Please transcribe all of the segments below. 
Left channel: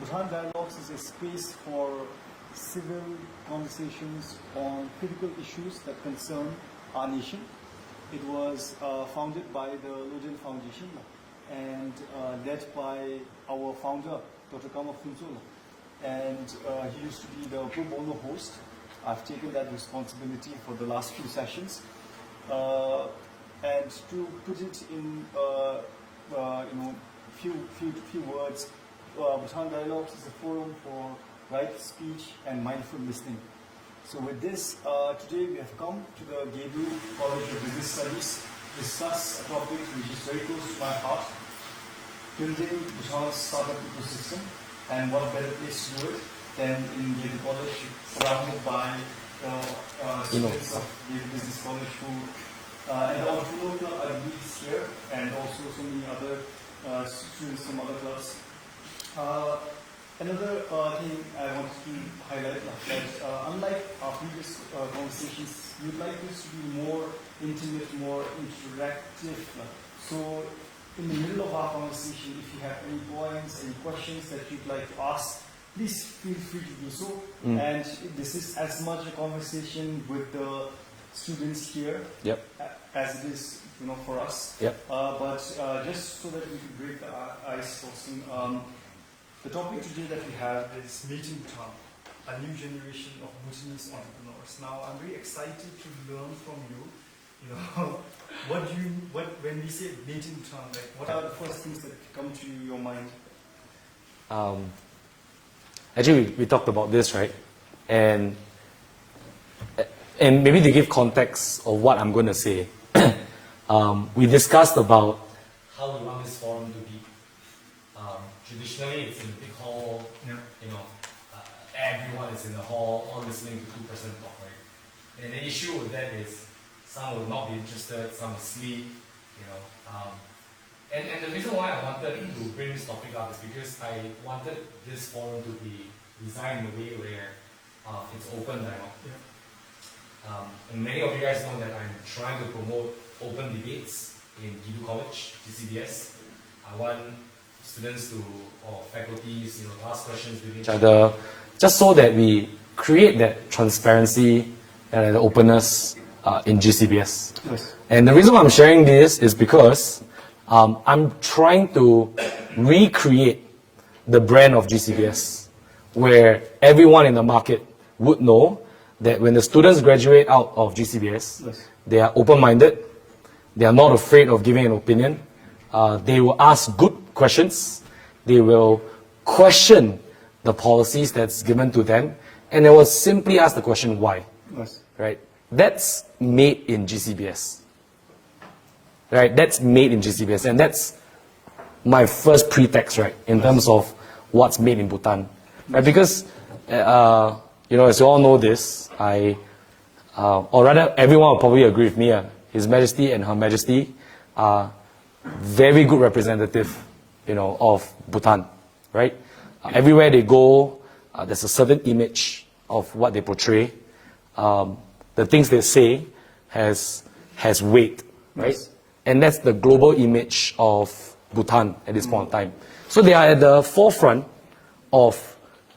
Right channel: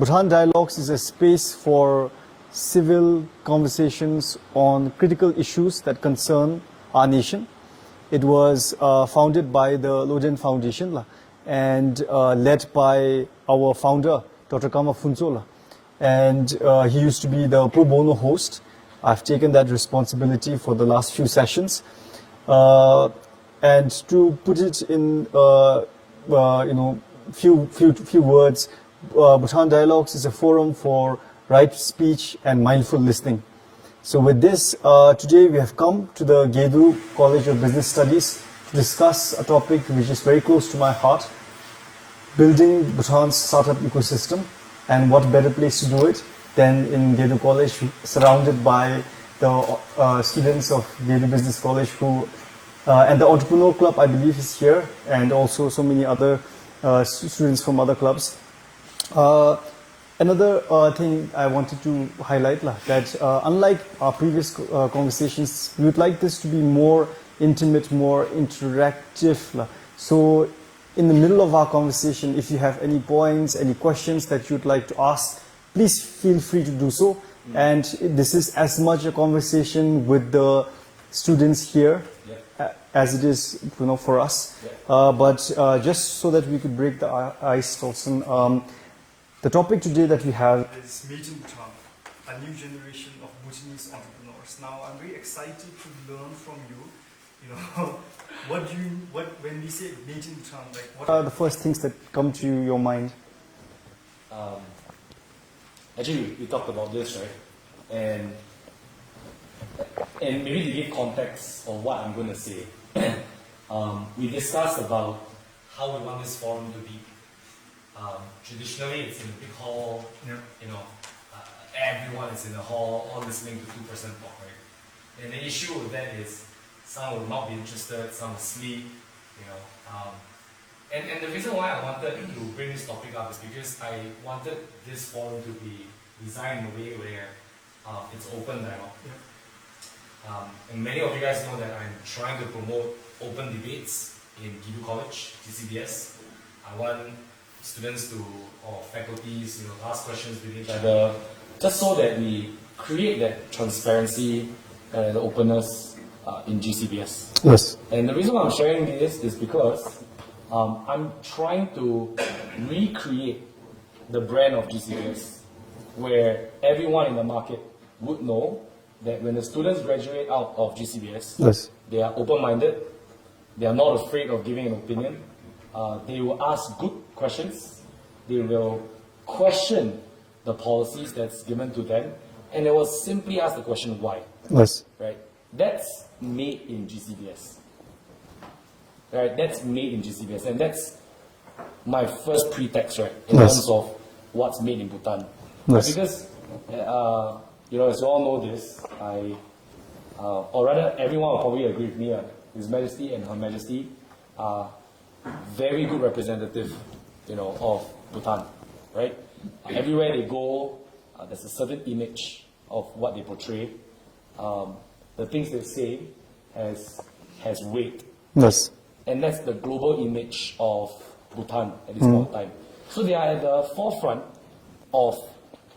Bhutan Dialogues is a space for civil conversations on critical issues that concern our nation. It was founded by the Loden Foundation and led by our founder, Dr. Kama Funzola. And he used to be the pro bono host. I've taken that responsibility for the last few sessions. And to put it in few words, Bhutan Dialogues is a forum for right speech and mindful listening. So with this, today we have come to the Gedu College of Business Studies to discuss a topic which is very close to my heart, building Bhutan's startup ecosystem. And what better place to do it than in Gedu College, surrounded by the students of Gedu Business College who, and the Entrepreneur Club I believe is here, and also so many other students from other clubs. Another thing I wanted to highlight that unlike our previous conversations, we would like this to be more intimate, more interactive. So in the middle of our conversation, if you have any points, any questions that you'd like to ask, please feel free to do so. And this is as much a conversation with the students here as it is for us. But just so that we could break the ice, Dalston, the topic today that we have is Meeting Bhutan, a new generation of Bhutanese entrepreneurs. Now, I'm very excited to learn from you. When we say Meeting Bhutan, like what are the first things that come to your mind? Actually, we talked about this, right? And maybe to give context of what I'm going to say, we discussed about how we want this forum to be. Traditionally, it's in a big hall, everyone is in the hall, all listening to two-person talk, right? And the issue with that is some will not be interested, some will sleep, And the reason why I wanted to bring this topic up is because I wanted this forum to be designed in a way where it's open dialogue. And many of you guys know that I'm trying to promote open debates in Gedu College, GCBS. I want students or faculties to ask questions with each other, just so that we create that transparency and the openness in GCBS. Yes. And the reason why I'm sharing this is because I'm trying to recreate the brand of GCBS, where everyone in the market would know that when the students graduate out of GCBS, they are open-minded, they are not afraid of giving an opinion, they will ask good questions, they will question the policies that's given to them, and they will simply ask the question why. Yes. Right? That's made in GCBS. Right? That's made in GCBS, and that's my first pretext, right, in terms of what's made in Bhutan. Right? Because, as you all know this, or rather everyone will probably agree with me, His Majesty and Her Majesty are very good representative, of Bhutan, right? Everywhere they go, there's a certain image of what they portray. The things they say has weight. Yes. And that's the global image of Bhutan at this point in time. So they are at the forefront of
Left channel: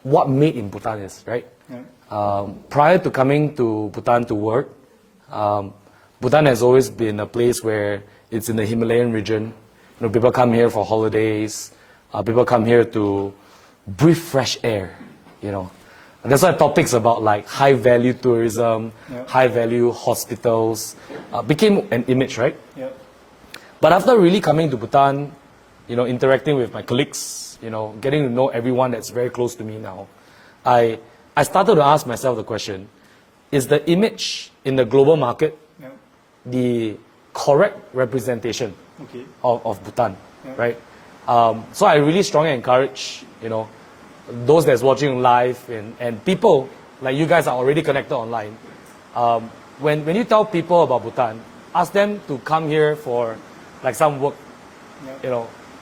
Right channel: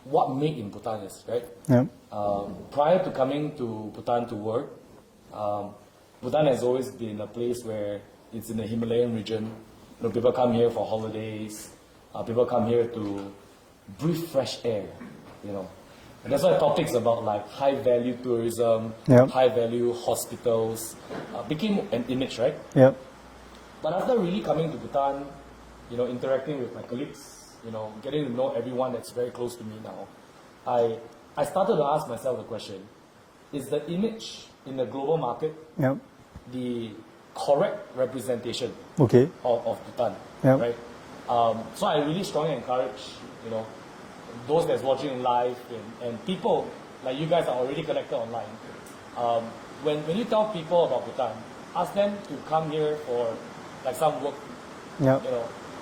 what made in Bhutan is, right? Yeah. Prior to coming to Bhutan to work, Bhutan has always been a place where it's in the Himalayan region. People come here for holidays. People come here to breathe fresh air, And that's why topics about like high-value tourism, high-value hospitals became an image, right? Yeah. But after really coming to Bhutan, interacting with my colleagues, getting to know everyone that's very close to me now, I started to ask myself the question, is the image in the global market the correct representation of Bhutan, right? So I really strongly encourage, those that's watching live and people like you guys are already connected online. When you tell people about Bhutan, ask them to come here for like some work,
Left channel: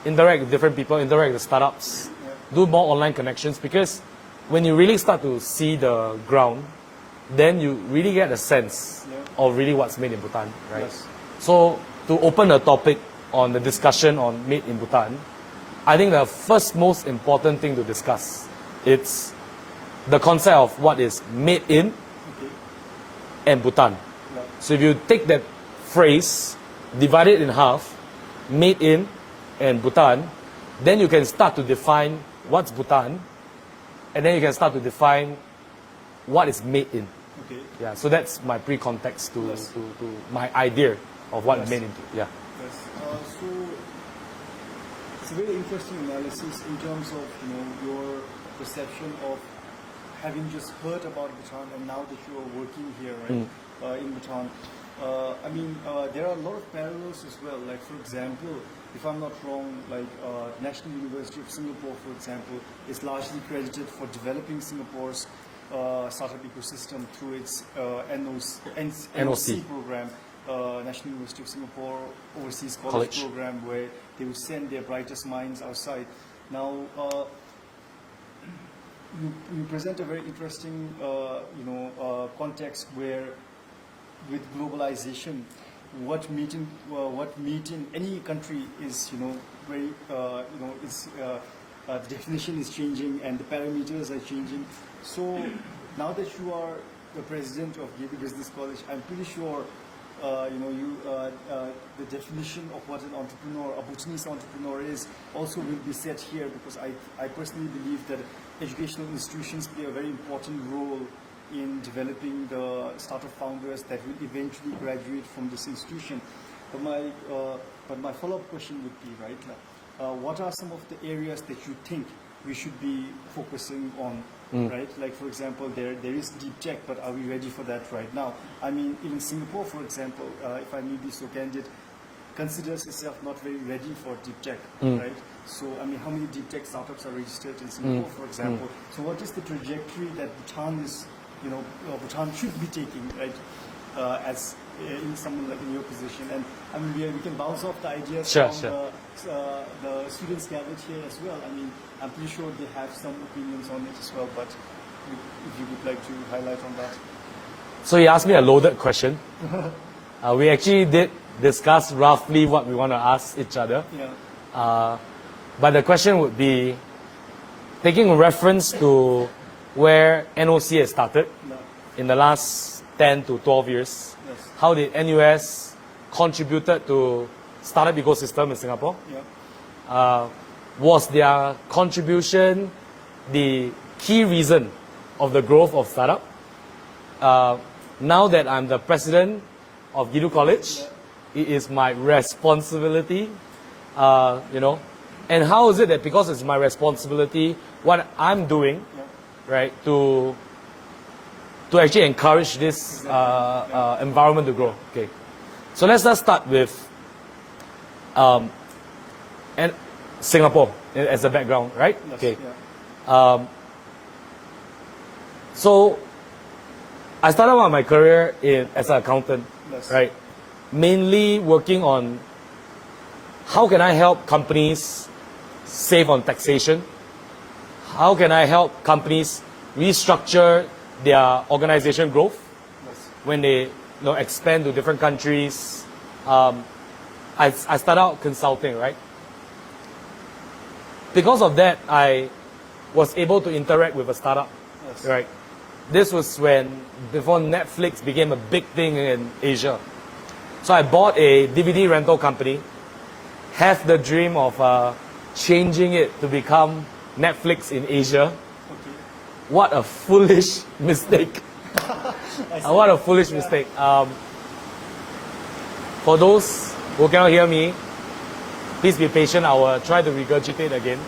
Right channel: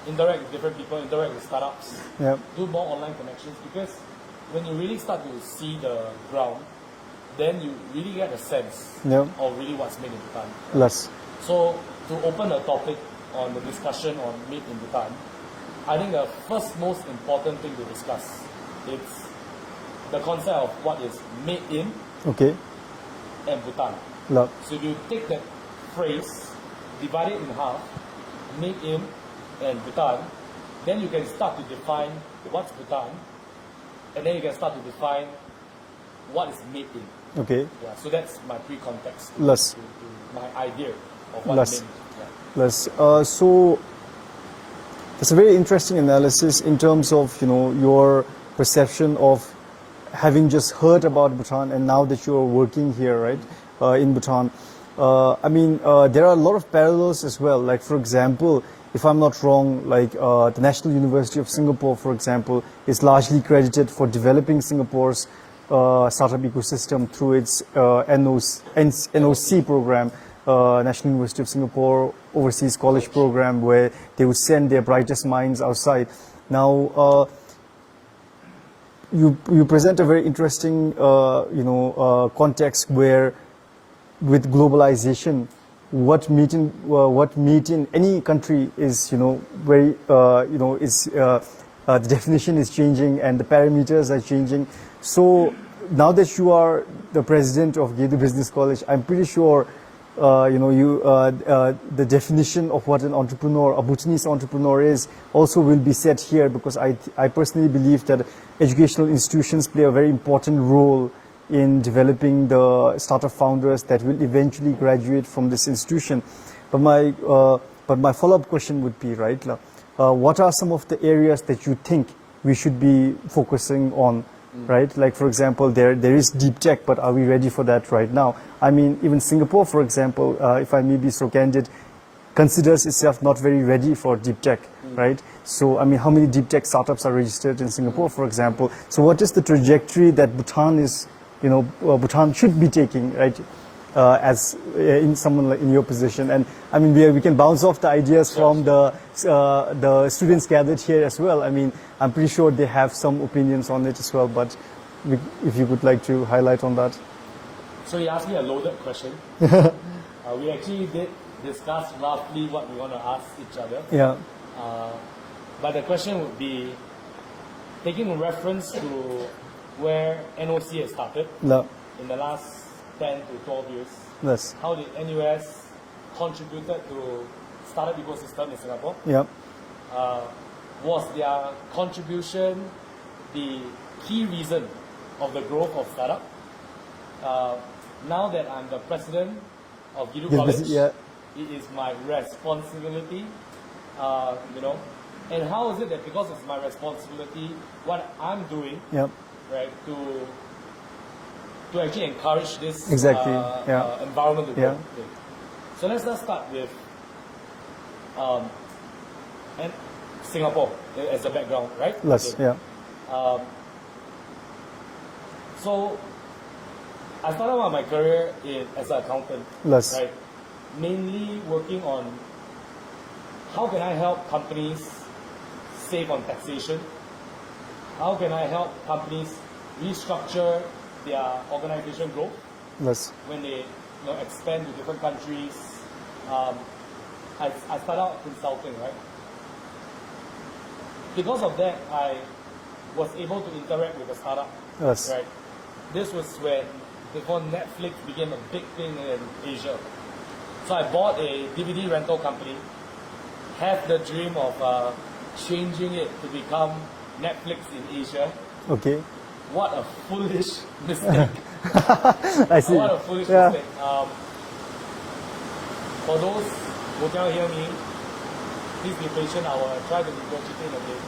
interact with different people, interact with startups, do more online connections, because when you really start to see the ground, then you really get a sense of really what's made in Bhutan. Right? Yes. So to open a topic on the discussion on made in Bhutan, I think the first most important thing to discuss, it's the concept of what is made in Okay. and Bhutan. Love. So if you take that phrase, divide it in half, made in and Bhutan, then you can start to define what's Bhutan, and then you can start to define what is made in. Okay. Yeah, so that's my pre-context to Yes. to my idea of what Yes. made into. Yeah. Yes. So it's a very interesting analysis in terms of your perception of having just heard about Bhutan and now that you're working here, right, in Bhutan. I mean, there are a lot of parallels as well. Like, for example, if I'm not wrong, like the National University of Singapore, for example, is largely credited for developing Singapore's startup ecosystem through its NOC program, National University of Singapore Overseas College Program, where they would send their brightest minds outside. Now, you present a very interesting, context where, with globalization, what meet in any country is, very, the definition is changing and the parameters are changing. So now that you are the president of Gedu Business College, I'm pretty sure, the definition of what an entrepreneur, a Bhutanese entrepreneur is, also will be set here, because I personally believe that educational institutions play a very important role in developing the startup founders that will eventually graduate from this institution. But my follow-up question would be, right, what are some of the areas that you think we should be focusing on, right? Like, for example, there is deep tech, but are we ready for that right now? I mean, even Singapore, for example, if I may be so candid, considers itself not very ready for deep tech, right? So, I mean, how many deep tech startups are registered in Singapore, for example? So what is the trajectory that Bhutan is, Bhutan should be taking, right? As in someone like in your position, and I mean, we can bounce off the ideas from the students gathered here as well. I mean, I'm pretty sure they have some opinions on it as well. But if you would like to highlight on that. So you asked me a loaded question. We actually did discuss roughly what we want to ask each other. Yeah. But the question would be, taking reference to where NOC has started in the last 10 to 12 years. Yes. How did NUS contributed to startup ecosystem in Singapore? Yeah. Was their contribution the key reason of the growth of startup? Now that I'm the president of Gedu College, it is my responsibility, and how is it that because it's my responsibility, what I'm doing, right, to actually encourage this environment to grow. Okay, so let's just start with and Singapore as a background, right? Okay. So I started out my career as an accountant, right? Mainly working on how can I help companies save on taxation? How can I help companies restructure their organization growth when they expand to different countries? I started out consulting, right? Because of that, I was able to interact with a startup, right? This was before Netflix became a big thing in Asia. So I bought a DVD rental company, have the dream of changing it to become Netflix in Asia. Okay. What a foolish mistake. I see. What a foolish mistake. For those who cannot hear me, please be patient. I will try to regurgitate again.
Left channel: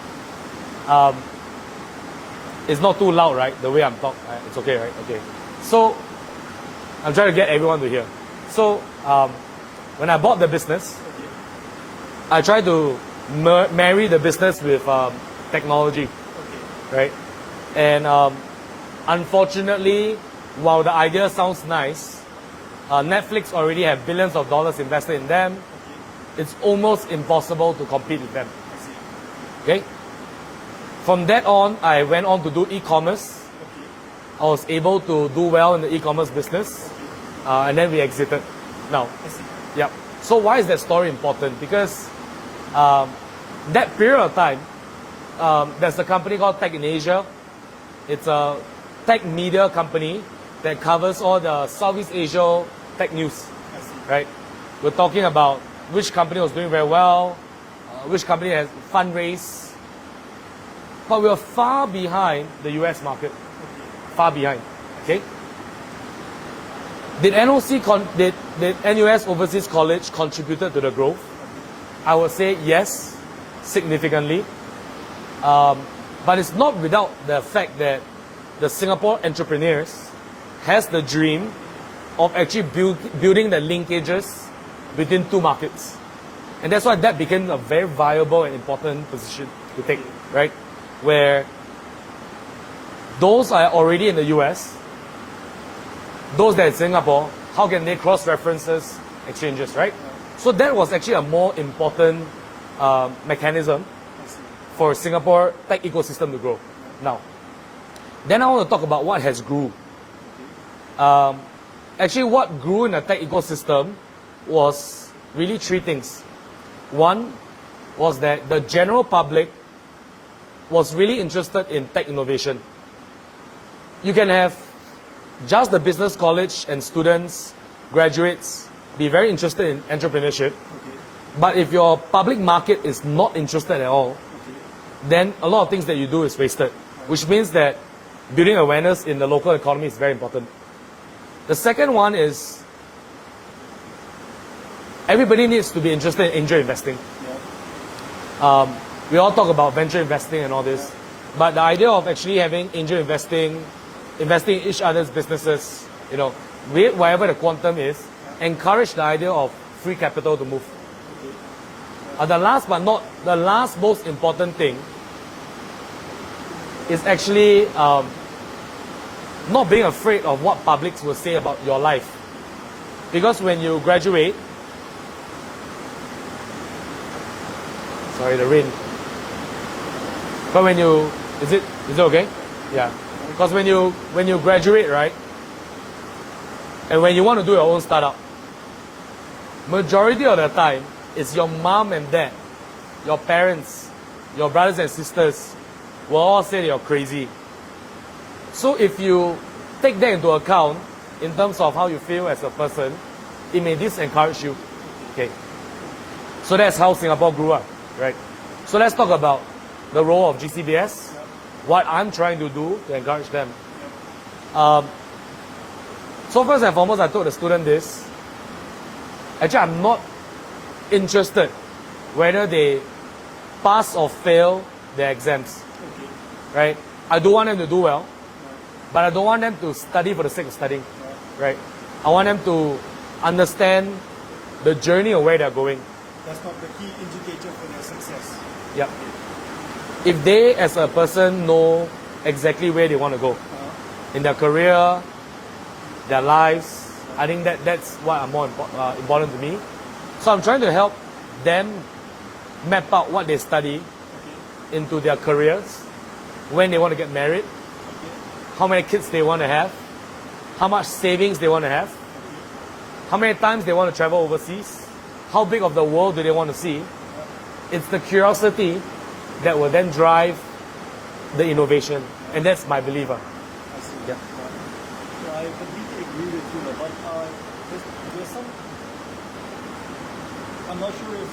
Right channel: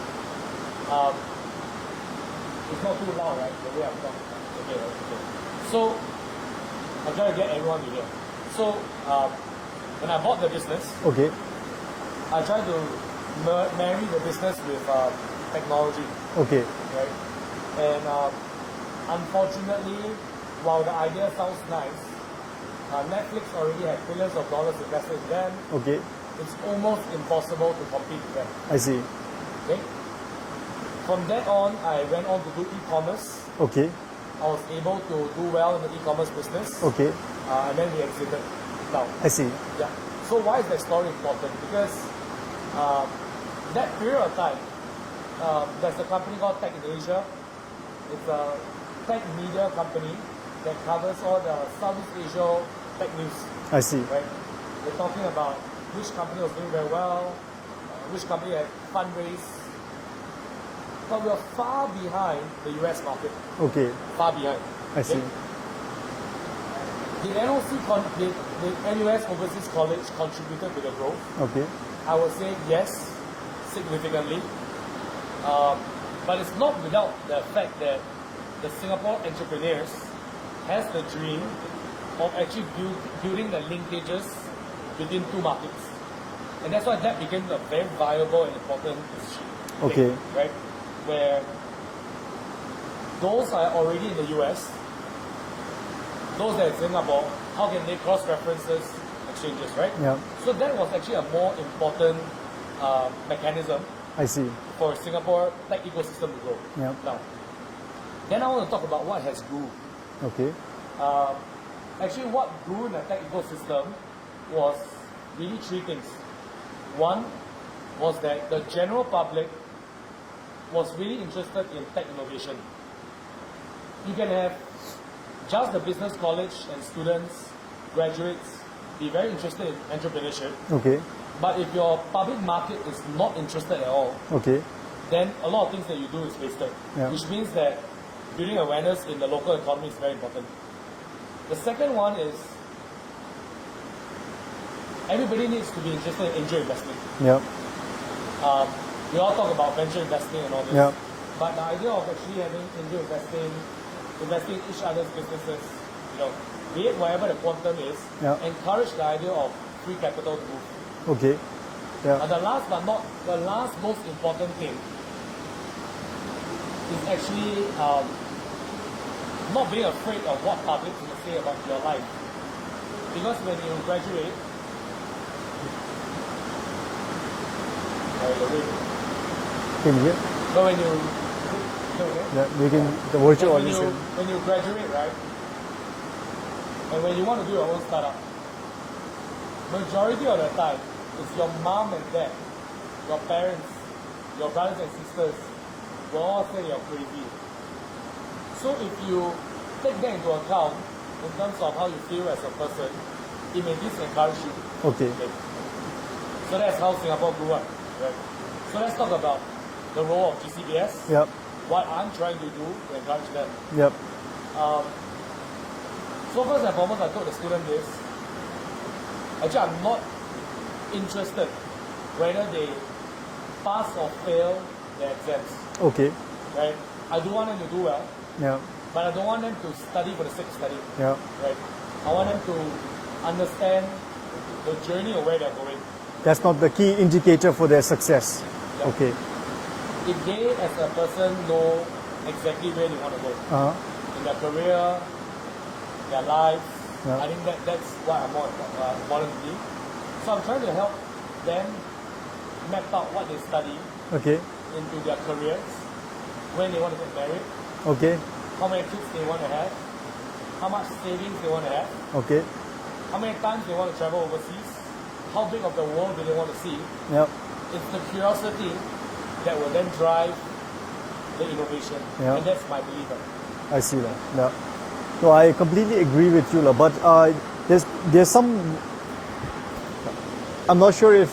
It's not too loud, right? The way I'm talking. It's okay, right? Okay. So, I'm trying to get everyone to hear. So, when I bought the business, I tried to marry the business with technology. Right? And unfortunately, while the idea sounds nice, Netflix already have billions of dollars invested in them. It's almost impossible to compete with them. I see. Okay? From that on, I went on to do e-commerce. I was able to do well in the e-commerce business. And then we exited. Now. I see. Yeah. So why is that story important? Because that period of time, there's a company called Tech in Asia. It's a tech media company that covers all the Southeast Asia tech news. I see. Right? We're talking about which company was doing very well, which company has fundraised. But we are far behind the US market. Okay. Far behind. I see. Did did NUS Overseas College contributed to the growth? Okay. I would say yes, significantly. But it's not without the fact that the Singapore entrepreneurs has the dream of actually building the linkages between two markets. And that's why that became a very viable and important position to take, right? Where those are already in the US, those that are in Singapore, how can they cross-references exchanges, right? Yeah. So that was actually a more important mechanism I see. for Singapore tech ecosystem to grow. Yeah. Now, then I want to talk about what has grew. Okay. Actually, what grew in the tech ecosystem was really three things. One was that the general public was really interested in tech innovation. You can have just the business college and students, graduates, be very interested in entrepreneurship. Okay. But if your public market is not interested at all, Okay. then a lot of things that you do is wasted. Yeah. Which means that building awareness in the local economy is very important. The second one is everybody needs to be interested in angel investing. Yeah. We all talk about venture investing and all this. Yeah. But the idea of actually having angel investing, investing in each other's businesses, whatever the quantum is, Yeah. encourage the idea of free capital to move. Okay. Yeah. The last but not the last most important thing is actually not being afraid of what publics will say about your life. Because when you graduate, sorry, the rain. Can you hear? But when you is it okay? Yeah. We can, Yeah. the virtual Because when you graduate, right, and when you want to do your own startup, majority of the time, it's your mom and dad, your parents, your brothers and sisters will all say you're crazy. So if you take that into account in terms of how you feel as a person, it may disencourage you. Okay. So that's how Singapore grew up, right? So let's talk about the role of GCBS, Yep. what I'm trying to do to encourage them. Yep. So first and foremost, I told the student this. Actually, I'm not interested whether they pass or fail their exams, Okay. right? I do want them to do well, Yeah. but I don't want them to study for the sake of studying, Yeah. right? I want them to understand the journey of where they're going. That's not the key indicator for their success. Yeah. Okay. If they, as a person, know exactly where they want to go Uh-huh. in their career, their lives, Yeah. I think that's what are more important to me. So I'm trying to help them map out what they study Okay. into their careers, when they want to get married, Okay. how many kids they want to have, how much savings they want to have, Okay. how many times they want to travel overseas, how big of the world do they want to see. Yep. It's the curiosity that will then drive the innovation. Yeah. And that's my belief. I see that. Yeah. So I completely agree with you, but there's some. I'm not sure if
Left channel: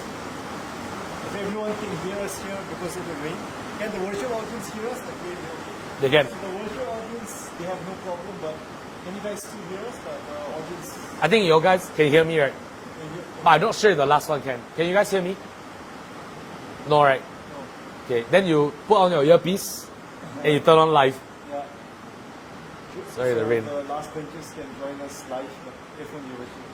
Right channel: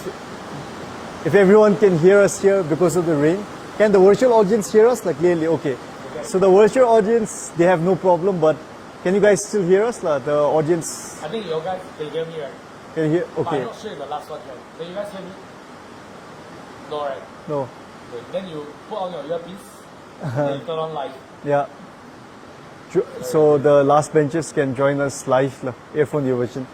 everyone can hear us here because of the rain. Can the virtual audience hear us? Like clearly, okay. They can. So the virtual audience, they have no problem, but can you guys still hear us? The audience, I think you guys can hear me, right? can you hear? Okay. I'm not sure if the last one can. Can you guys hear me? No, right? No. Okay. Then you put on your earpiece and you turn on live. Yeah. Sorry, So Rain. the last benches can join us live, earphone version.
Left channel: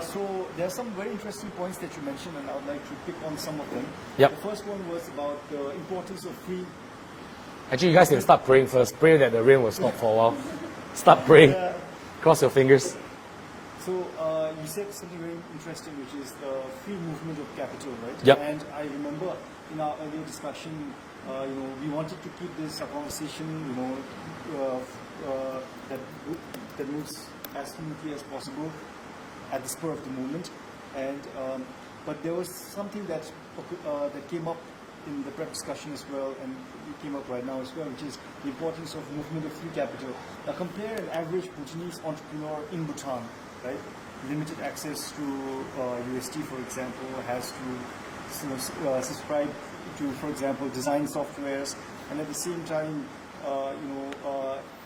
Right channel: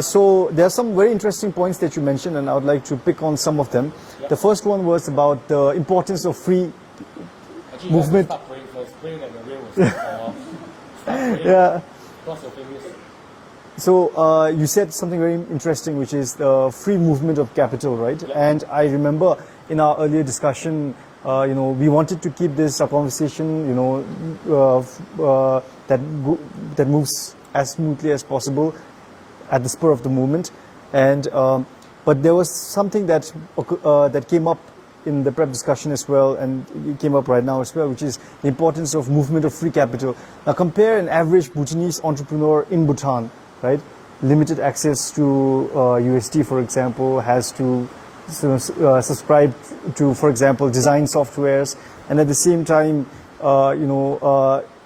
So there are some very interesting points that you mentioned, and I would like to pick on some of them. Yep. The first one was about the importance of free. Actually, you guys can start praying first. Pray that the rain will stop for a while. Start praying. Yeah. Cross your fingers. So you said something very interesting, which is the free movement of capital, right? Yep. And I remember in our earlier discussion, we wanted to keep this a conversation, that moves as smoothly as possible at the spur of the moment. And but there was something that came up in the prep discussion as well, and it came up right now as well, which is the importance of movement of free capital. Now compare an average Bhutanese entrepreneur in Bhutan, right? Limited access to USD, for example, has to subscribe to, for example, design softwares, and at the same time,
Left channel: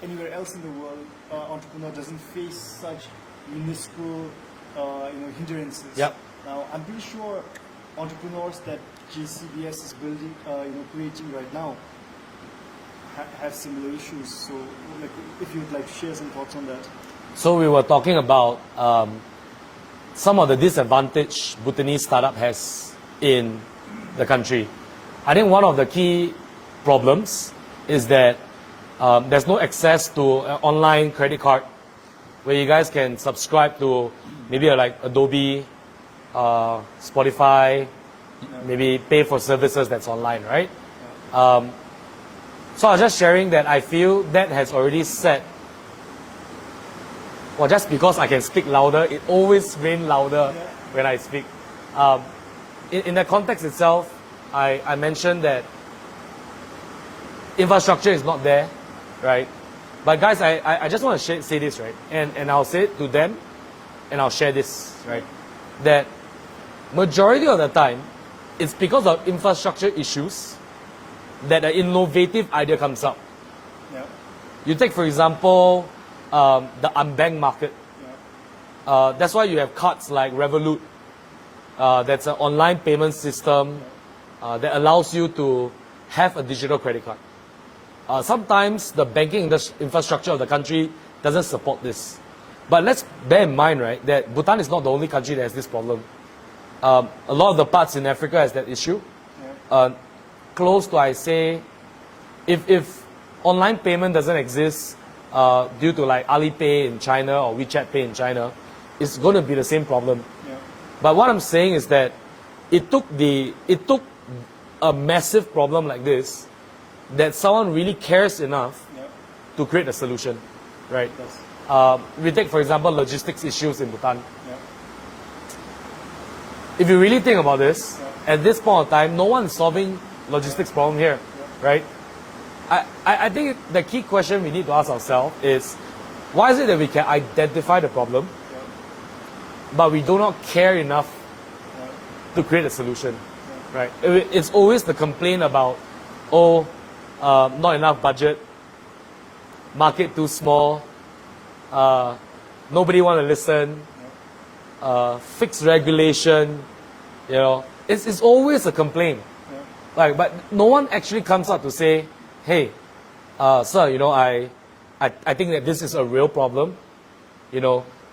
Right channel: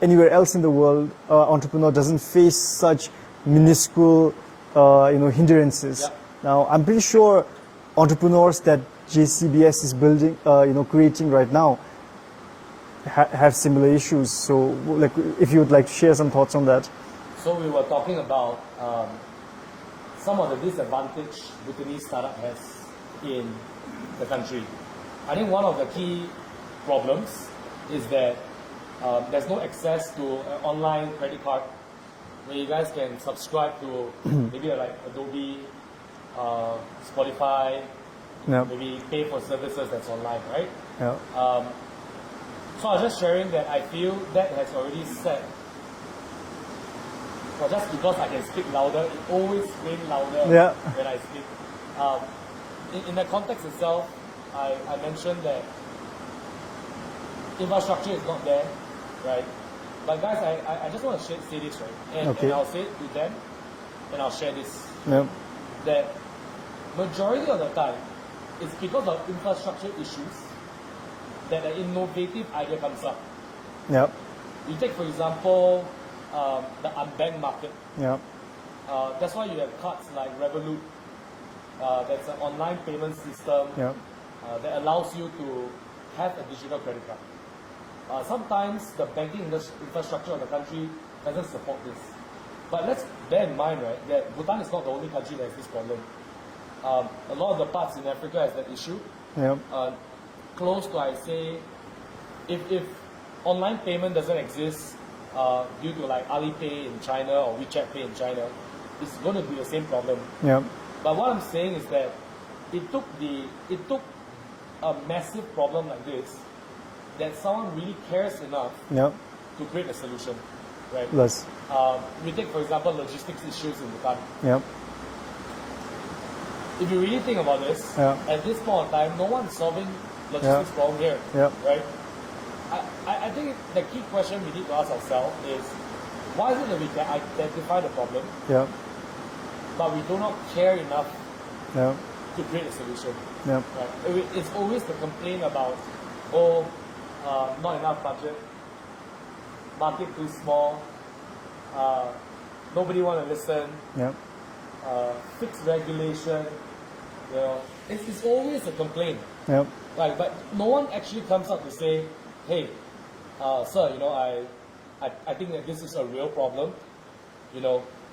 anywhere else in the world, entrepreneur doesn't face such minuscule, hindrances. Yep. Now, I'm pretty sure entrepreneurs that JCBS is building, creating right now, have similar issues. So, like, if you would like to share some thoughts on that. So we were talking about some of the disadvantage Bhutanese startup has in the country. I think one of the key problems is that there's no access to an online credit card where you guys can subscribe to maybe like Adobe, Spotify, Yeah. maybe pay for services that's online, right? Yeah. So I was just sharing that I feel that has already set. Well, just because I can speak louder, it always rains louder Yeah. when I speak. In the context itself, I mentioned that infrastructure is not there, right? But guys, I just want to say this, right? And I'll say it to them, and I'll share this, right? Yeah. That majority of the time, it's because of infrastructure issues that an innovative idea comes up. Yeah. You take, for example, the unbanked market. Yeah. That's why you have cards like Revolut. That's an online payment system Yeah. that allows you to have a digital credit card. Sometimes the banking infrastructure of the country doesn't support this. But let's bear in mind, right, that Bhutan is not the only country that has this problem. A lot of the parts in Africa has that issue. Yeah. Close to, I say, if online payment doesn't exist due to like Alipay in China or WeChat Pay in China, it's going to be the same problem. Yeah. But what I'm saying is that it took a massive problem like this that someone really cares enough Yeah. to create a solution, right? Yes. We take, for example, logistics issues in Bhutan. Yeah. If you really think about this, Yeah. at this point of time, no one is solving logistics Yeah. problem here, Yeah. right? I think the key question we need to ask ourselves is, why is it that we can identify the problem, Yeah. but we do not care enough Yeah. to create a solution, Yeah. right? It's always the complaint about, not enough budget, market too small, nobody want to listen, Yeah. fixed regulation, it's always a complaint. Yeah. But no one actually comes out to say, hey, sir, I think that this is a real problem.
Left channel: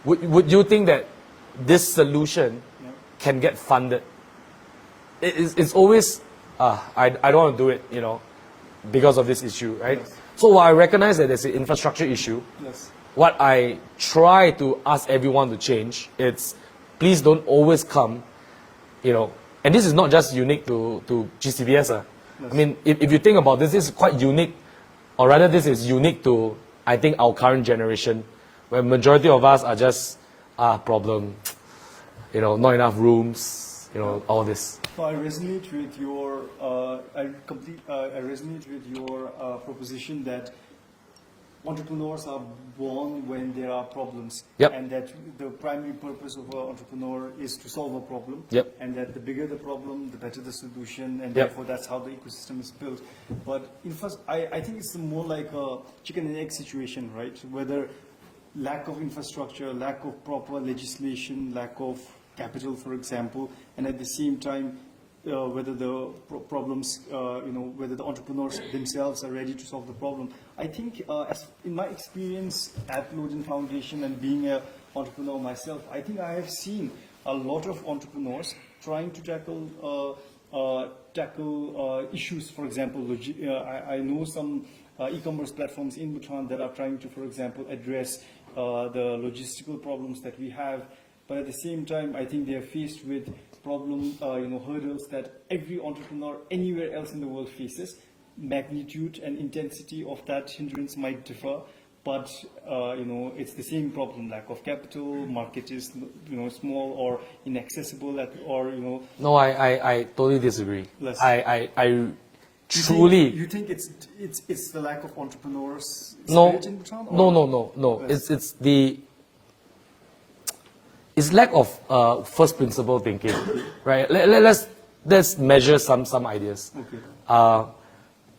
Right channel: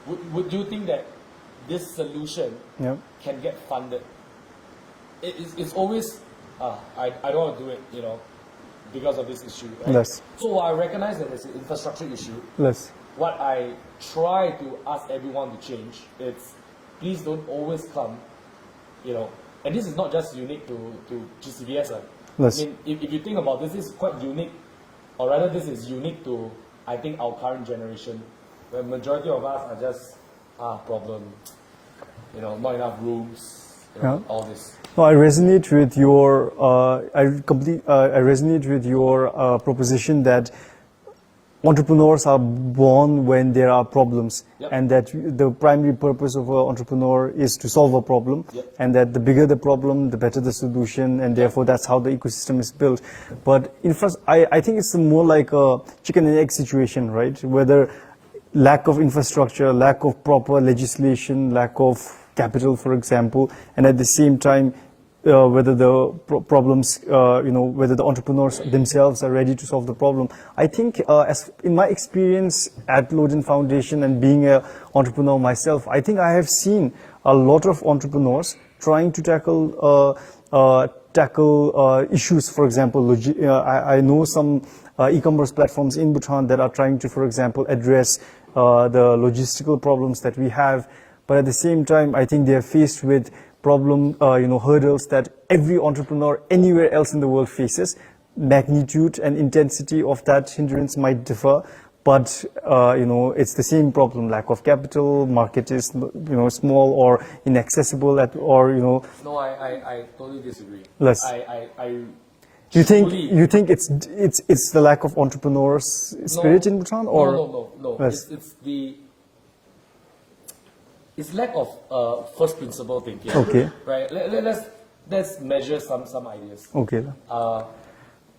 Would you think that this solution Yeah. can get funded? It's always, I don't want to do it, because of this issue, right? Yes. So while I recognize that there's an infrastructure issue, Yes. what I try to ask everyone to change, it's please don't always come, and this is not just unique to GCBS. Yes. I mean, if you think about this, this is quite unique, or rather this is unique to, I think, our current generation, where majority of us are just, problem, not enough rooms, Yeah. all this. No, I resonate with your. I resonate with your proposition that entrepreneurs are born when there are problems, Yep. and that the primary purpose of an entrepreneur is to solve a problem, Yep. and that the bigger the problem, the better the solution, and therefore that's how the ecosystem is built. But I think it's more like a chicken and egg situation, right? Whether lack of infrastructure, lack of proper legislation, lack of capital, for example, and at the same time, whether the problems, whether the entrepreneurs themselves are ready to solve the problem. I think, as in my experience at Loden Foundation and being an entrepreneur myself, I think I have seen a lot of entrepreneurs trying to tackle issues. For example, I know some e-commerce platforms in Bhutan that are trying to, for example, address the logistical problems that we have. But at the same time, I think they are faced with hurdles that every entrepreneur anywhere else in the world faces. Magnitude and intensity of that hindrance might differ, but it's the same problem: lack of capital, market is small or inaccessible, No, I totally disagree. Less. I You truly. think it's the lack of entrepreneurs spirit in Bhutan? Or? No. Yes. It's lack of first principle thinking. Okay. Right. Let's measure some ideas. Okay.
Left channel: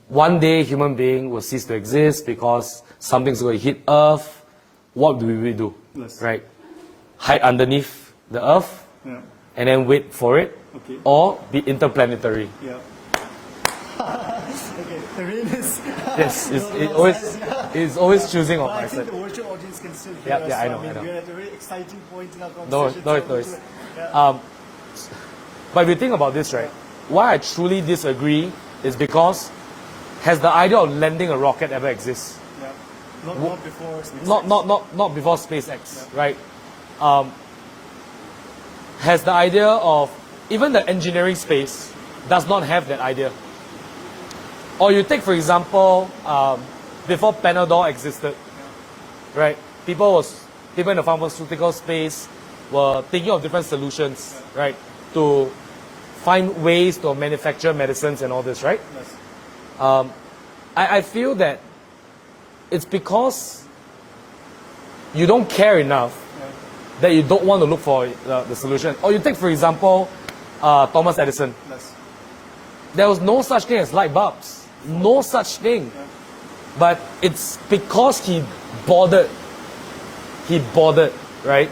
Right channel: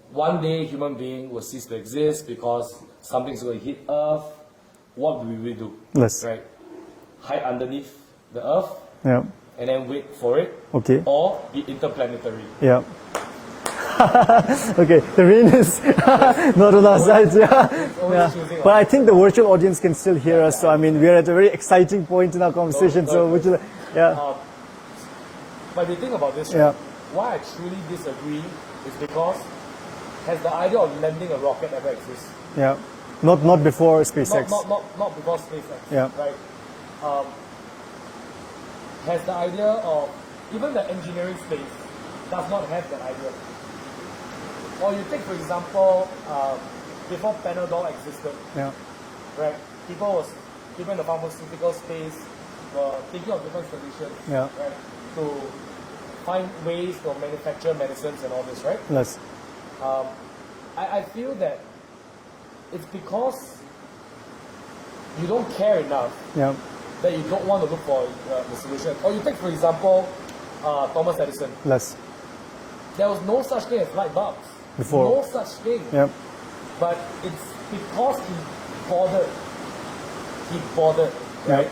One day, human being will cease to exist because something's going to hit Earth. What do we do? Yes. Right. Hide underneath the Earth. Yeah. And then wait for it. Okay. Or be interplanetary. Yeah. Okay, the rain is not on our side. Yeah. It's always choosing. But I think the virtual audience can still hear us. So I mean, we're at a very exciting point in our conversation. But if you think about this, right? Why I truly disagree is because has the idea of landing a rocket ever exists? Yeah. Not before SpaceX. Not before SpaceX. Yeah. Right. Has the idea of even the engineering space does not have that idea. Or you take, for example, before Panadol existed, right? People in the pharmaceutical space were thinking of different solutions, right, to find ways to manufacture medicines and all this, right? Yes. I feel that it's because you don't care enough that you don't want to look for the solution. Or you take, for example, Thomas Edison. Yes. There was no such thing as light bulbs. Before. No such thing. Yep. But it's because he bothered. He bothered, right?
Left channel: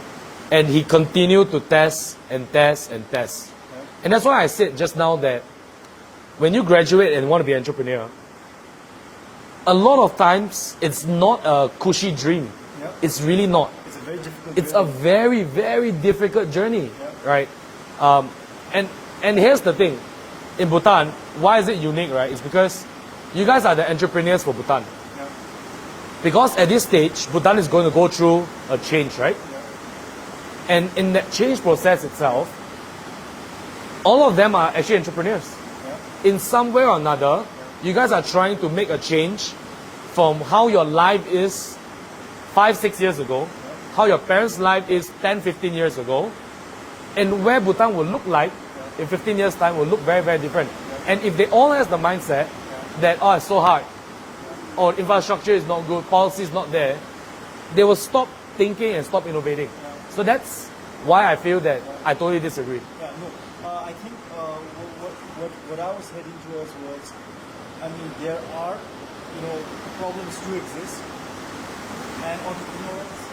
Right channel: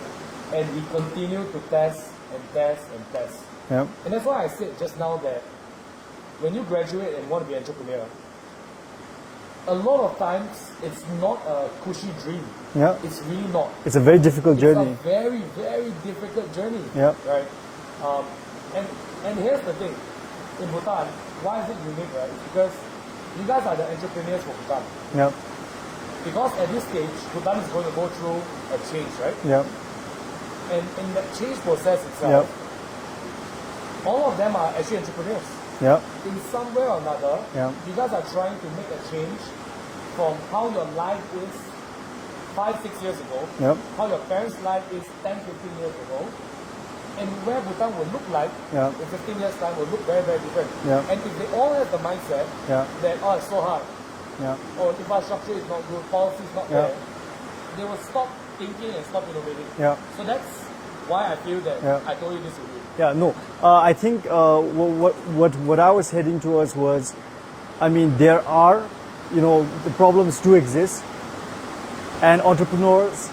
And he continued to test and test and test. Yep. And that's why I said just now that when you graduate and want to be an entrepreneur, a lot of times it's not a cushy dream. Yeah. It's really not. It's a very difficult journey. It's a very, very difficult journey. Yeah. Right? And here's the thing. In Bhutan, why is it unique, right? It's because you guys are the entrepreneurs for Bhutan. Yeah. Because at this stage, Bhutan is going to go through a change, right? Yeah. And in that change process itself, all of them are actually entrepreneurs. Yeah. In some way or another, you guys are trying to make a change from how your life is 5-6 years ago, how your parents' life is 10-15 years ago, and where Bhutan will look like in 15 years' time will look very, very different. And if they all have the mindset that, oh, it's so hard, or infrastructure is not good, policy is not there, they will stop thinking and stop innovating. So that's why I feel that I totally disagree. I think what I was heading towards was, I mean, there are, the problems do exist, and entrepreneurs.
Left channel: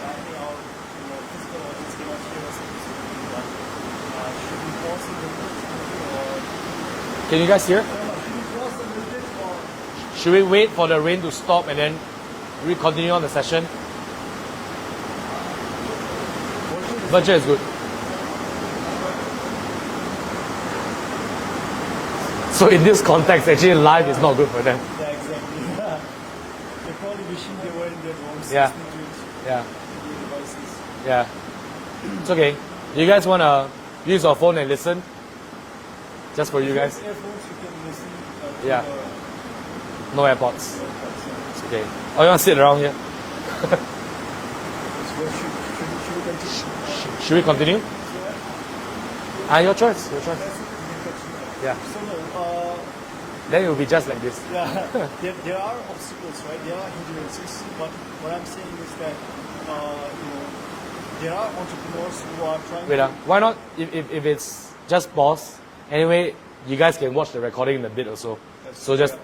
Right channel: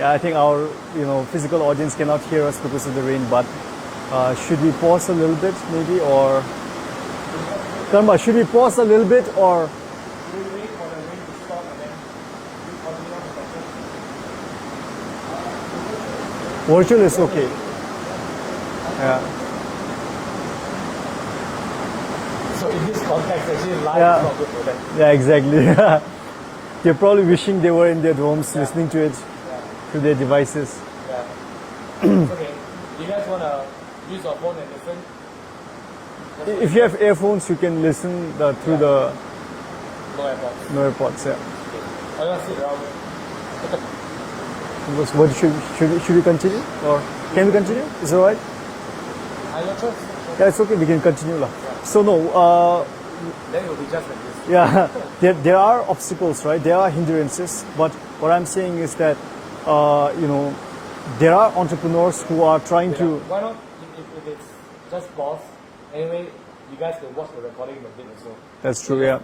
I think our physical audience cannot hear us because of the rain, but should we pause a little bit maybe, or can you guys hear? Karma, should we pause a little bit, or should we wait for the rain to stop and then we continue on the session? Virtual is okay. Is good. So in this context, actually live is not good for them. Yeah, exactly. They're probably wishing they were in their rooms listening to it. To their devices. Yeah. It's okay. Do you guys want to use your phone and listen? Just for if you have earphones, you can listen through the... No AirPods. No AirPods, It's okay. Or you want to sit around here? What should we continue? Or should we continue? Is it alright? Your choice. Yeah, it's okay. We can continue. So no... then it will be just like this. Yeah. there are obstacles, right? There are hindrances. But what I'm saying is that, there are entrepreneurs who are trying to... Why not, if it's just pause, anyway, you guys can watch the recording in a bit or so. That's true, so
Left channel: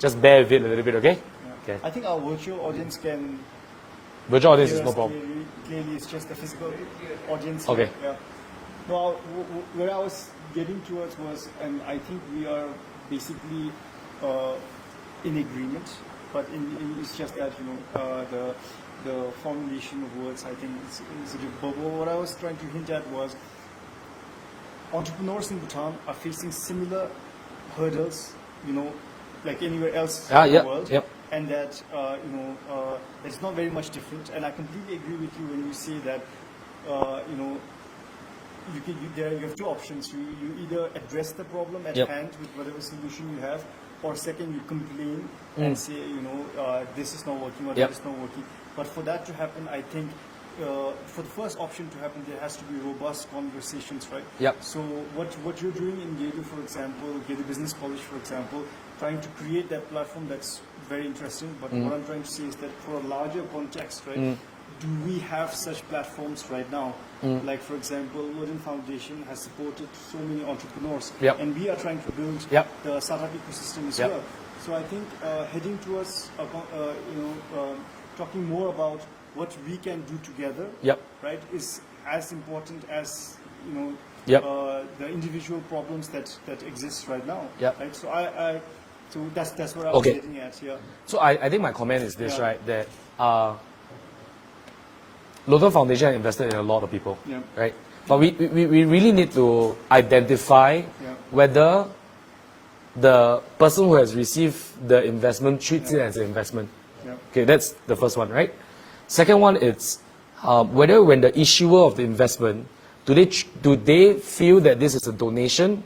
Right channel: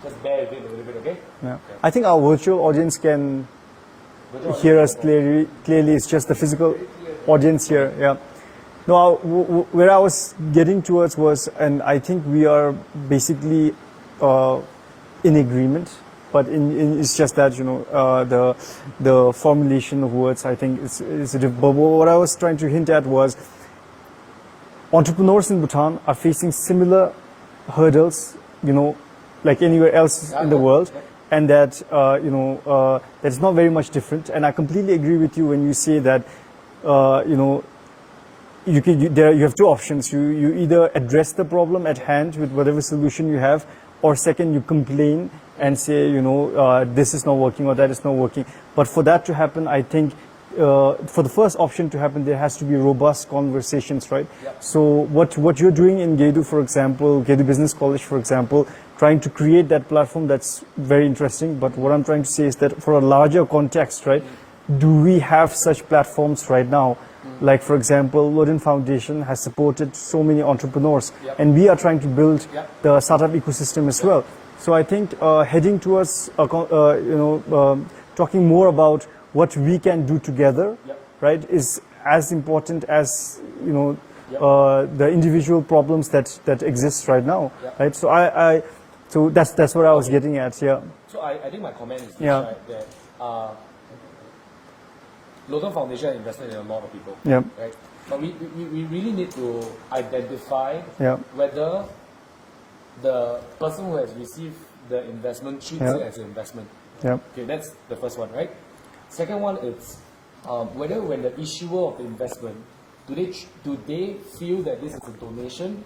just bear with it a little bit, okay? Yeah. Okay. I think our virtual audience can hear us clearly. It's just the physical audience here. Yeah. No, where I was getting towards was, and I think we are basically in agreement, but it's just that, the formulation of words, I think, is a different. But what I was trying to hint at was entrepreneurs in Bhutan are facing similar hurdles, like anywhere else in the world. And that, it's not very much different. And I completely agree with you when you say that, you have two options. You either address the problem at hand with whatever solution you have, or second you complain and say, you know, this is not working or that is not working. But for that to happen, I think for the first option to happen, there has to be robust conversations, right? Yep. So what you're doing in Gedu, for example, Gedu Business College, for example, trying to create that platform, that's very interesting. But what I'm trying to say is that for a larger context, right, do we have such platforms right now? Like, for example, Loden Foundation has supported so many entrepreneurs, and we are trying to build the startup ecosystem as well. So I think heading towards, talking more about what we can do together, right, is as important as, you know, the individual problems that exist right now, right? So so that's what I was getting at, So I think my comment is this, right, that Loden Foundation invested in a lot of people, right? But we really need to identify whether the person who has received the investment treats it as an investment. Okay, that's the first one, right? Second one is whether when the issuer of the investment, do they feel that this is a donation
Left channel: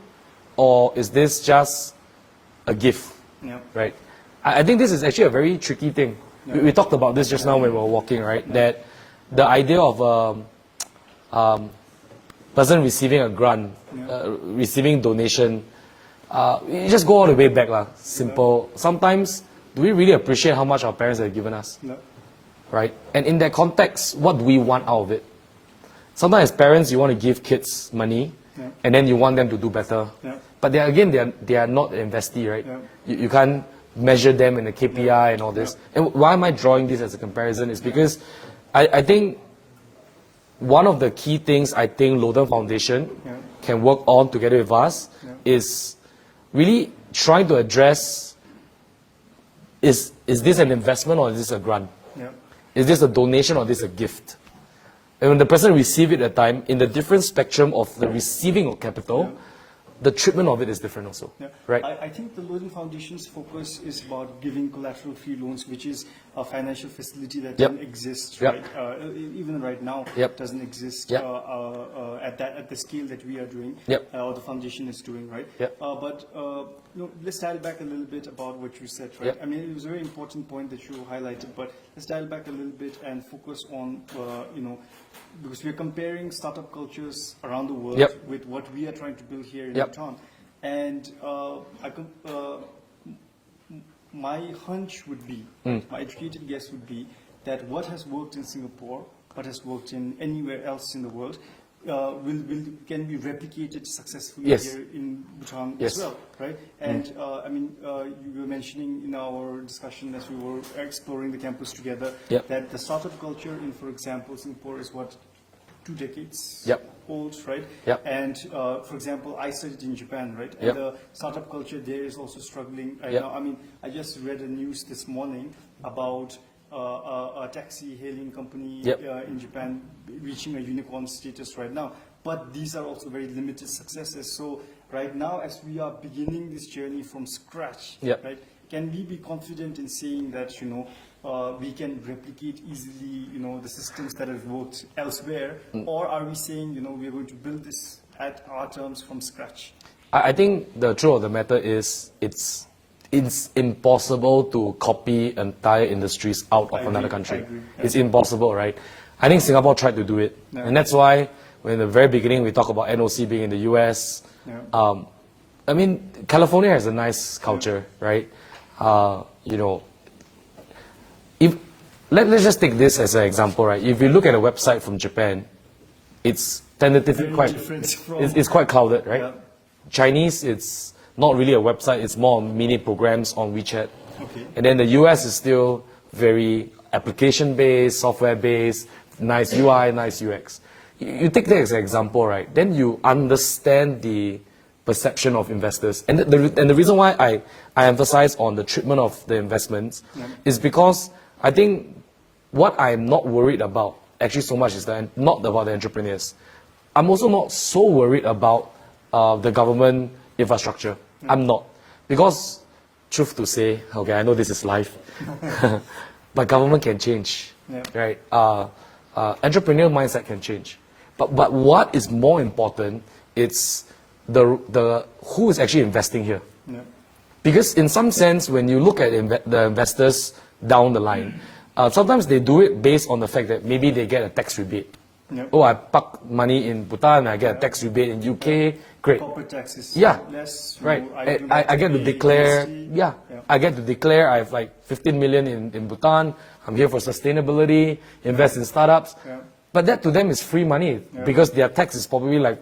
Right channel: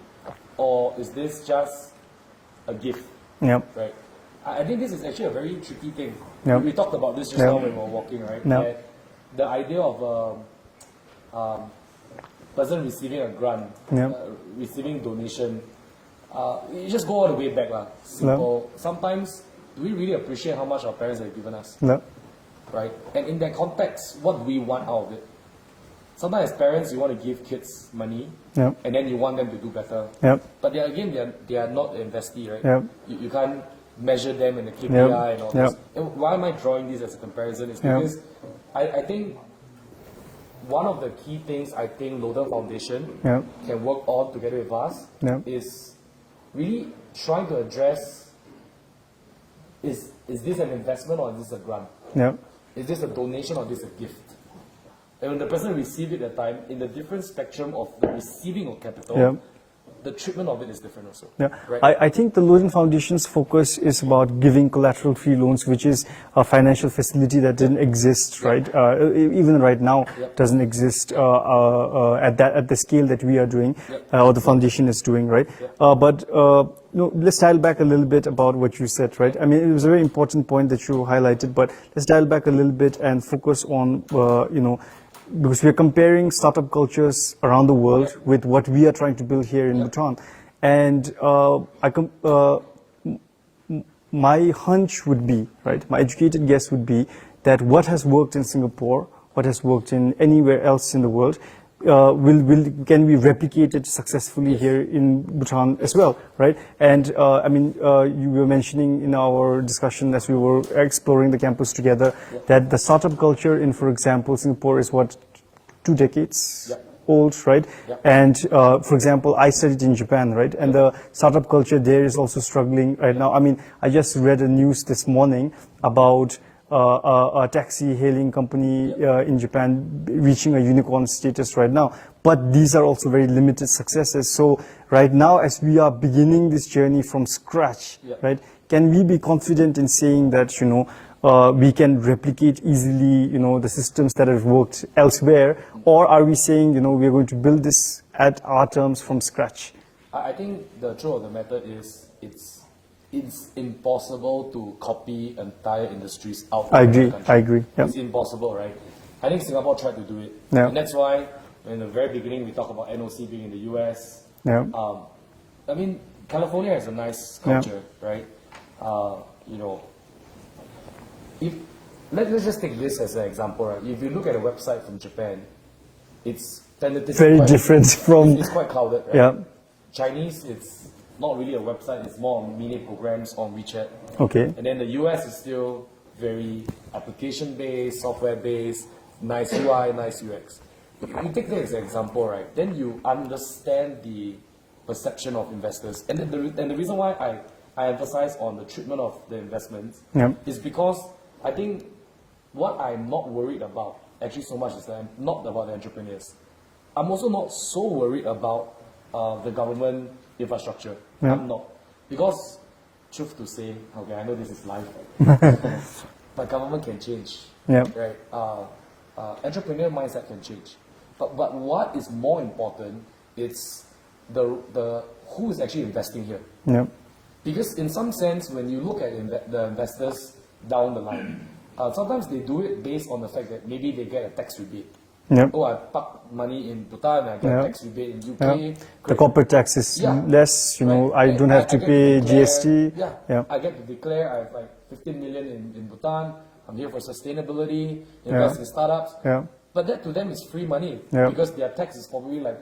or is this just a gift? Right? I think this is actually a very tricky thing. We talked about this just now when we were walking, right? That the idea of person receiving a grant, receiving donation, you just go all the way back, simple. Sometimes, do we really appreciate how much our parents have given us? Right? And in that context, what do we want out of it? Sometimes as parents, you want to give kids money, and then you want them to do better. But they are not investee, right? You can't measure them in the KPI and all this. And why am I drawing this as a comparison is because I think one of the key things I think Loden Foundation can work on together with us is really trying to address, is this an investment or is this a grant? Is this a donation or is this a gift? And when the person receives it at the time, in the different spectrum of the receiving of capital, the treatment of it is different also. Right? I think the Loden Foundation's focus is about giving collateral-free loans, which is a financial facility that didn't exist, right? Even right now, doesn't exist at the scale that we are doing, or the foundation is doing, right? But let's dial back a little bit about what you said, right? I mean, it was a very important point that you highlighted, but let's dial back a little bit and focus on, because we're comparing startup cultures around the world with what we are trying to build here in Bhutan. And my hunch would be, right, my educated guess would be that what has worked in Singapore, what has worked in anywhere else in the world, can be replicated successfully here in Bhutan as well, right? And I mean, you were mentioning in our discussion as we were exploring the campus together that the startup culture in, for example, Singapore is what, 2 decades old, right? And for example, I studied in Japan, right? And the startup culture there is also struggling right now. I mean, I just read a news this morning about a taxi hailing company in Japan reaching a unicorn status right now. But these are also very limited successes. So right now, as we are beginning this journey from scratch, right, can we be confident in saying that, we can replicate easily, the systems that have worked elsewhere? Or are we saying, we're going to build this at our terms from scratch? I think the truth of the matter is it's impossible to copy entire industries out of another country. I agree. It's impossible, right? I think Singapore tried to do it. And that's why when in the very beginning we talk about NOC being in the US. I mean, California has a nice culture, right? Let's just take this as an example, right? If you look at a website from Japan, it's tentatively very different from... It's quite clouded, right? Chinese, it's not really a website, it's more mini programs on WeChat. And then the US is still very application-based, software-based, nice UI, nice UX. You take that as an example, right? Then you understand the perception of investors. And the reason why I emphasize on the treatment of the investments is because I think what I'm not worried about actually so much is not about the entrepreneurs. I'm also not so worried about the government infrastructure. I'm not. Because, truth to say, okay, I know this is life, but government can change, right? Entrepreneurial mindset can change. But what is more important, it's the who is actually investing here. Because in some sense, when you look at the investors down the line, sometimes they do it based on the fact that maybe they get a tax rebate. Yep. Oh, I park money in Bhutan, I get a tax rebate in UK. The Great. corporate tax is less, you know, I don't have to get pay to declare, GST. I get to declare I have like 15 million in Bhutan. I'm here for sustainability, invest in startups. Yeah. But that to them is free money because their tax is probably like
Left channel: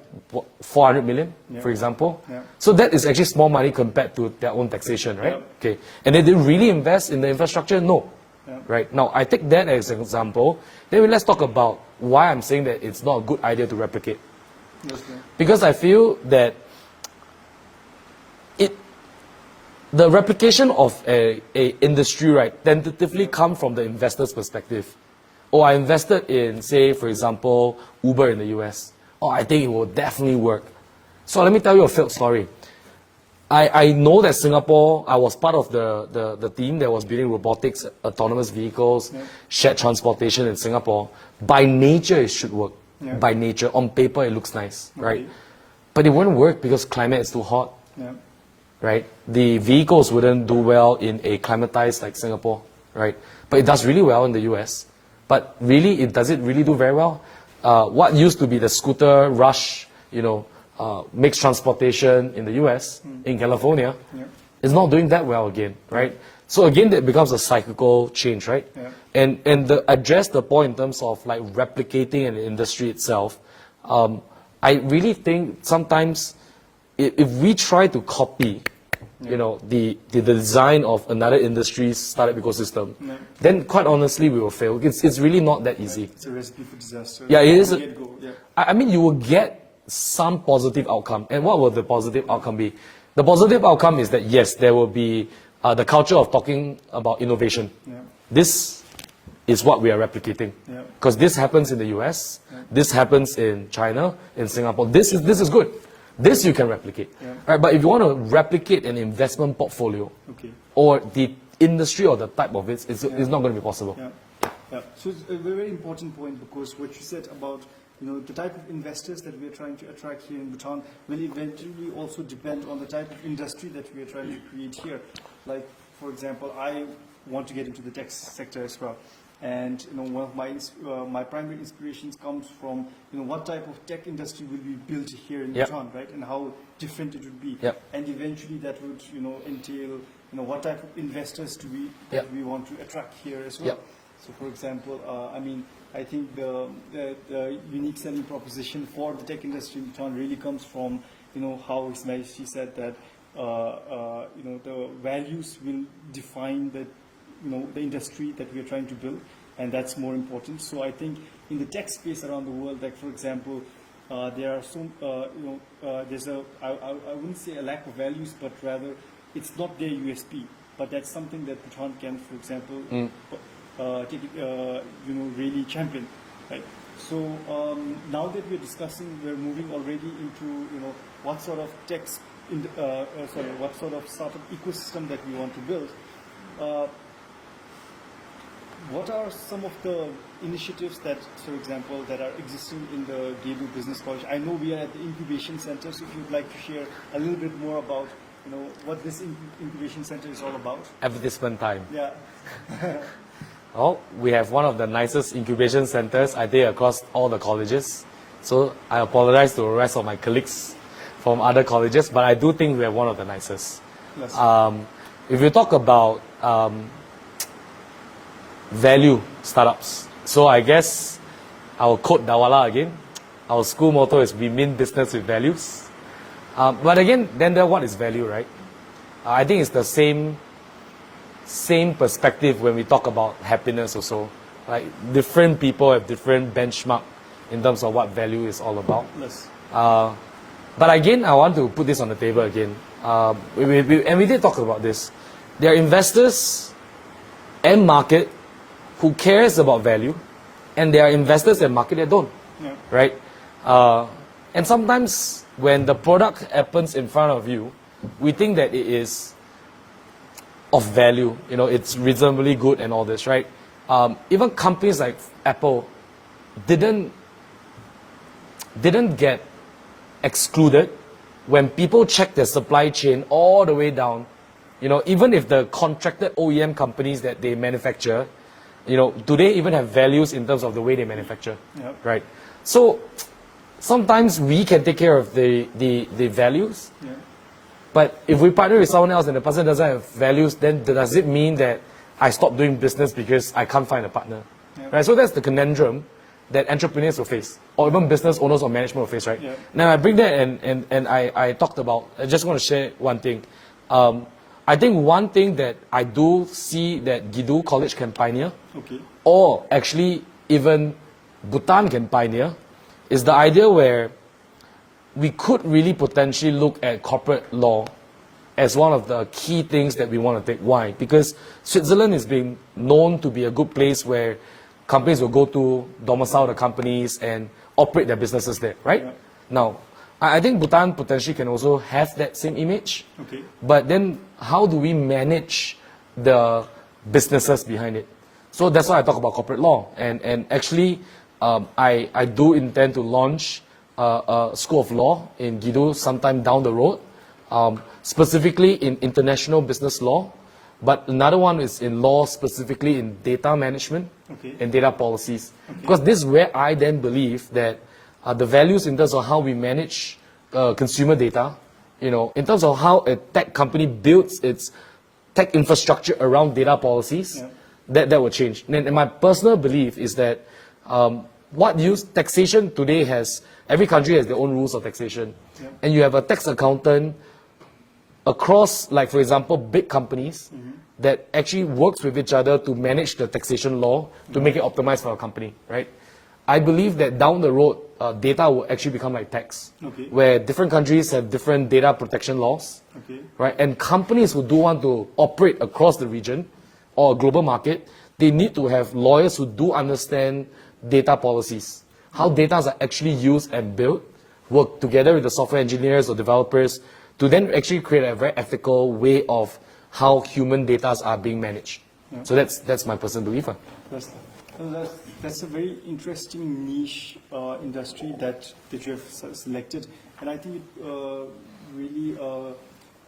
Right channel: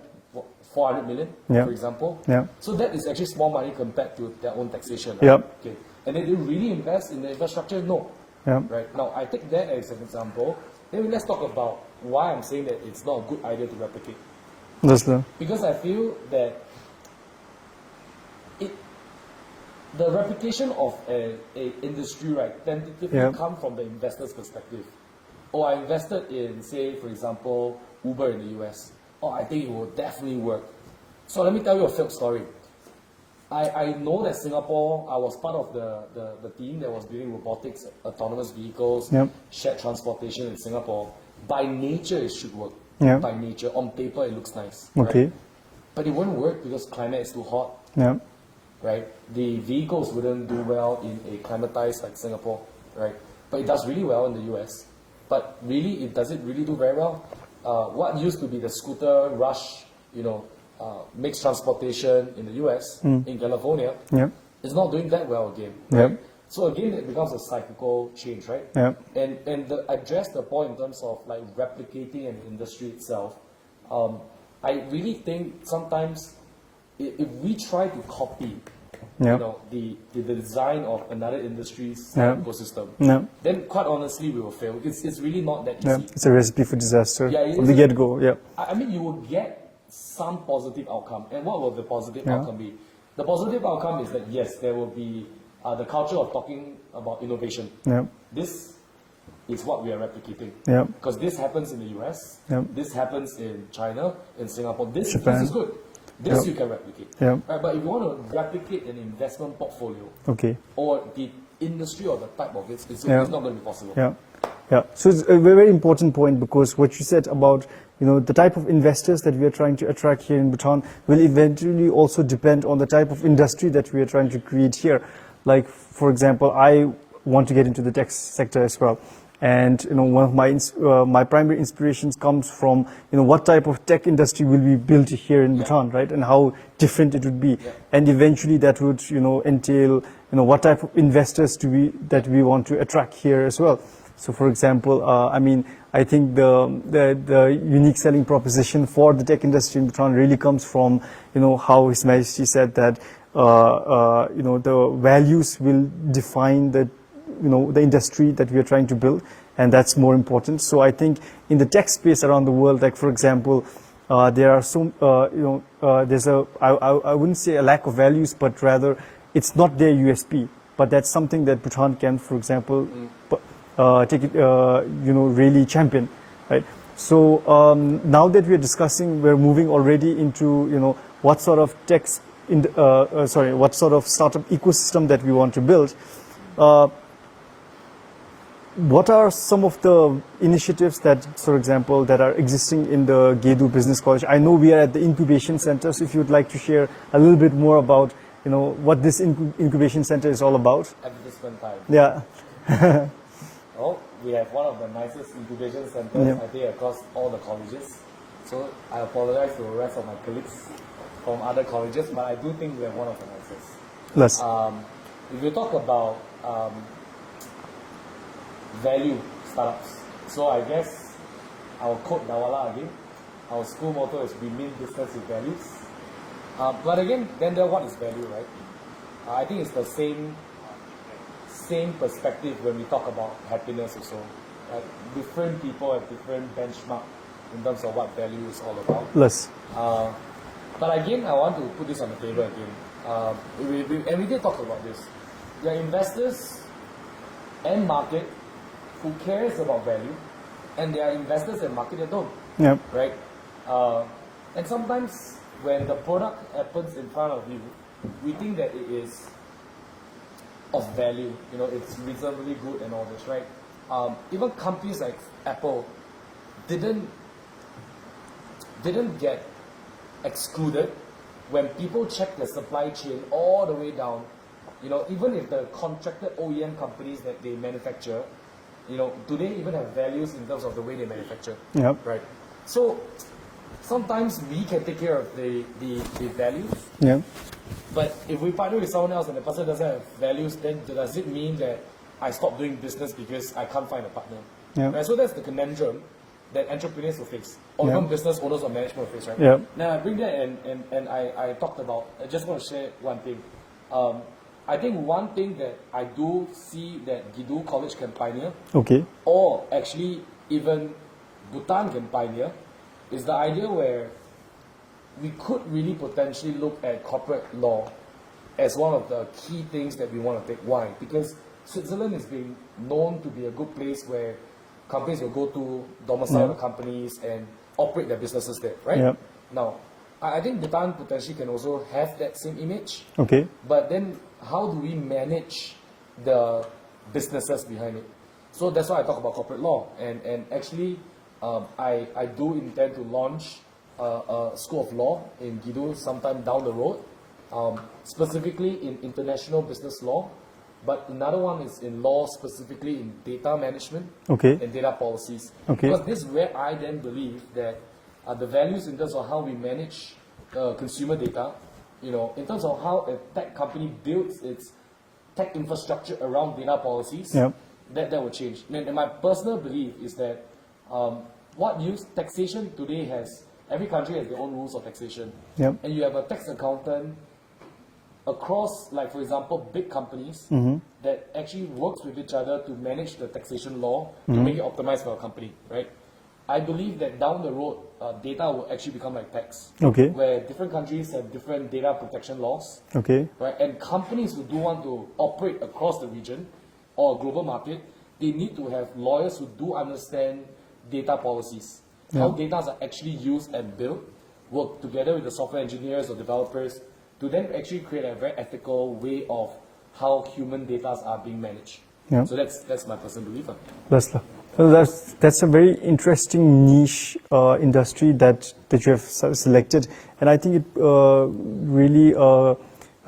400 million, for example. Yeah. So that is actually small money compared to their own taxation, right? Yep. Okay. And then they really invest in the infrastructure? No. Yep. Right. Now, I take that as an example. Then let's talk about why I'm saying that it's not a good idea to replicate. Because I feel that the replication of a industry, right, tentatively come from the investor's perspective. Oh, I invested in, say, for example, Uber in the US. Oh, I think it will definitely work. So let me tell you a failed story. I know that Singapore, I was part of the team that was building robotics, autonomous vehicles, shared transportation in Singapore. By nature, it should work. By nature, on paper, it looks nice, right? But it wouldn't work because climate is too hot, right? The vehicles wouldn't do well in a climatized like Singapore, right? But it does really well in the US. But really, does it really do very well? What used to be the scooter rush, you know, mixed transportation in the US, in California, is not doing that well again, right? So again, that becomes a cyclical change, right? And address the point in terms of like replicating an industry itself. I really think sometimes if we try to copy, you know, the design of another industry's startup ecosystem, then quite honestly, we will fail. It's really not that easy. It's a recipe for disaster. Yeah, it is. From the get-go. I mean, you will get some positive outcome. And what will the positive outcome be? The positive outcome is that, yes, there will be the culture of talking about innovation. This is what we are replicating. Because this happens in the US, this happens in China, in Singapore. This is good. This you can replicate. Right? But if you want to replicate an investment portfolio or the industry or the type of it, it's not going to be possible. So it's a very important point, because what you said about, you know, the type of investors that we are trying to attract here in Bhutan will eventually also depend on the type of industry that we are trying to create here. Like, for example, I want to get into the tech sector as well. And, you know, one of my primary inspirations comes from, you know, what type of tech industry will be built here in Bhutan, right? And how different it would be. And eventually that would, you know, entail, you know, what type of investors that we want to attract here as well. So, for example, I mean, I think the unique selling proposition for the tech industry in Bhutan really comes from, you know, how His Majesty said that, you know, the values will define the, you know, the industry that we are trying to build, and that's more important. So I think in the tech space around the world, like for example, there are some, you know, there's I wouldn't say a lack of values, but rather it's not their USP. But that's something that Bhutan can, for example, take it, you know, really champion, right? So now that we're discussing, we're moving already into, you know, what sort of what sort of startup ecosystem that we want to build. What are some of the initiatives that, for example, that are existing in the Gedu Business College? I know we are at the incubation center, so if you'd like to share a little bit more about, you know, what this incubation center is all about. Advertisement time. Yeah. Well, we have one of the nicest incubation centers, I think, across all the colleges. So I apologize to the rest of my colleagues from other colleges, but I do think we have one of the nicest. Yes. If you talk about value startups, so I guess I'll quote Dawala again. Our school motto is we mean business with values. But again, then what is value, right? I think it's the same perspective when we talk about happiness also. Like different people have different benchmark in terms of what value is all about. Yes. But again, I want to put this on the table again. And we did talk about this. There are investors and market who cares about value, and there are investors and market that don't. Right? And sometimes when the product happens in front of you, we think that it is of value. You know, it's reasonably good and all this, right? Even companies like Apple didn't get excluded when people check their supply chain all the way down You know, even if the contracted OEM companies that they manufacture, you know, do they even have values in terms of the way they manufacture? Yep. Right. So sometimes we can take care of the values. Yeah. But if we partner with someone else and the person doesn't have values, then does it mean that I stop doing business because I can't find a partner? Yeah. Right? So that's the conundrum that entrepreneurs will face, or even business owners or management will face, right? Yeah. Now I bring that and I talked about, I just want to share one thing. I think one thing that I do see that Gedu College can pioneer, Okay. or actually even Bhutan can pioneer, is the idea where we could really potentially look at corporate law as one of the key things that we want to take. Why? Because Switzerland is being known to be a good place where companies will go to domicile the companies and operate their businesses there, right? Yep. Now, I think Bhutan potentially can also have that same image. Okay. But then how do we manage the businesses behind it? So that's why I talk about corporate law. And actually, I do intend to launch a school of law in Gedu sometime down the road, specifically in international business law. But another one is in law, specifically in data management and data policies. Because this is where I then believe that the values in terms of how we manage consumer data, you know, in terms of how a tech company builds its tech infrastructure around data policies, that will change. And my personal belief is that taxation today has, every country has their own rules of taxation. And you have a tax accountant across, like for example, big companies that actually works with each other to manage the taxation law to make it optimized for a company, right? I believe that down the road, data will actually become like tax, where different countries have different data protection laws, right? And companies who do want to operate across the region or a global market, they need to have lawyers who do understand data policies, how data are actually used and built, work together with the software engineers or developers to then actually create a very ethical way of how human data are being managed. So that's my personal belief. Well, that's a very interesting niche industry that you have selected, and I think it really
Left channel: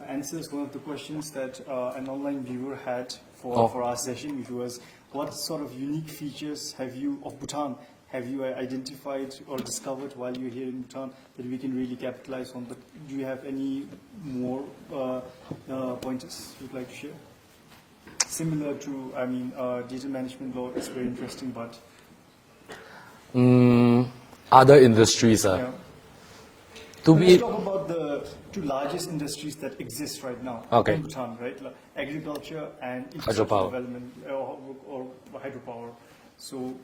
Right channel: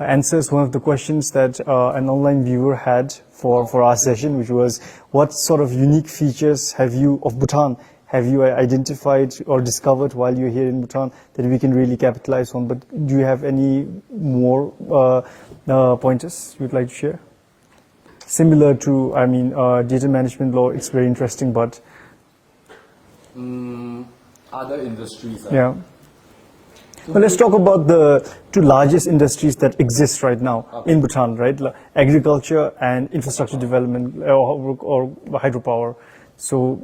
answers one of the questions that an online viewer had for our session, which was, what sort of unique features of Bhutan have you identified or discovered while you're here in Bhutan that we can really capitalize on? But do you have any more pointers you'd like to share? Similar to, I mean, data management law, it's very interesting, but... other industries. Let's talk about the two largest industries that exist right now in Bhutan, right? Agriculture and infrastructure development, or hydropower. So,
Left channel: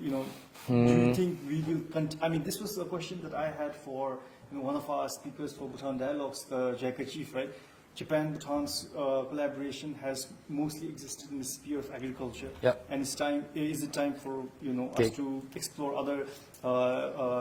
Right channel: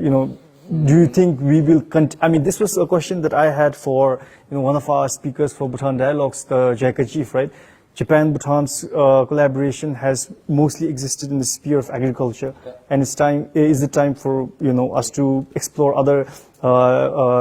you know, do you think we will I mean, this was a question that I had for, you know, one of our speakers for Bhutan Dialogues, the JICA chief, right? Japan-Bhutan's collaboration has mostly existed in the sphere of agriculture, and is it time for, you know, us to explore other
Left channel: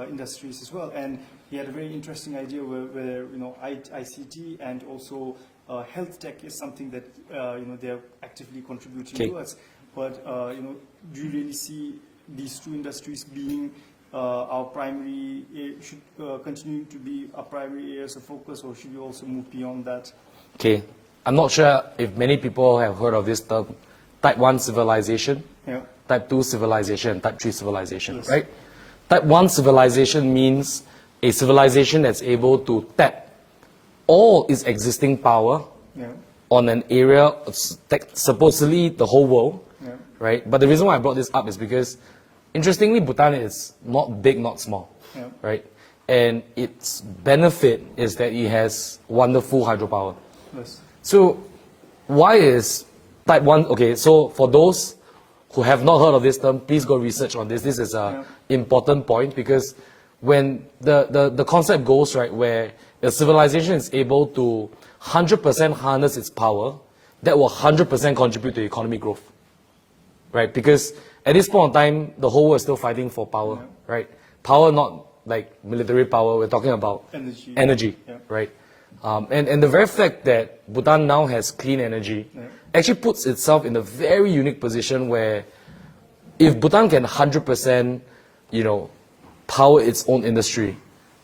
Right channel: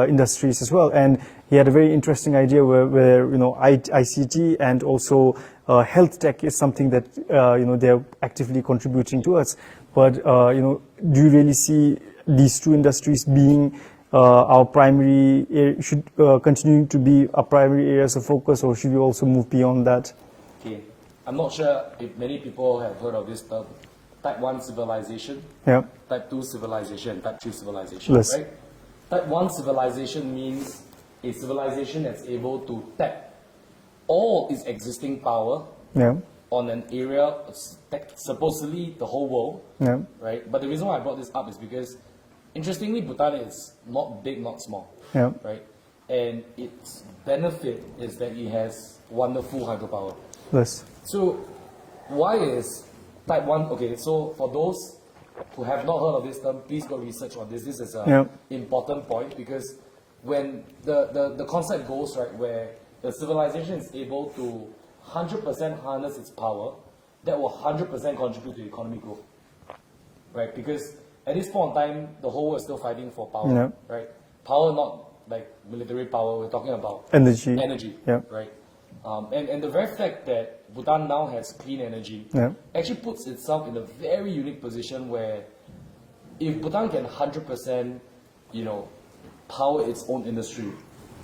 industries as well? And he had a very interesting idea where you know, ICT and also health tech is something that you know, they're actively contributing towards. But you know, do you really see these two industries being our primary, should continue to be our primary areas of focus, or should we also move beyond that? Okay, I'm not sure if many people have heard of this term, Type 1 civilization, Type 2 civilization, Type 3 civilization, right? Type 1 civilization means a civilization that's able to tap all its existing power on an area, supposedly the whole world, right? But the reason why I brought this up is because, interestingly, Bhutan is not big, not small, right? And its benefit is that it has wonderful hydropower. So why is Type 1, okay, so for those who have not heard of this term, please go research on this. This is an important point, because when the concept goes, right, where a civilization is able to 100% harness its power, that will 100% contribute to economic growth, right? Because at this point in time, the whole world is still fighting for power, right? Power, not like military power, we're talking about energy, right? And the very fact that Bhutan now has clean energy actually puts itself in a very unique position where if Bhutan can 100%, you know, power its own industry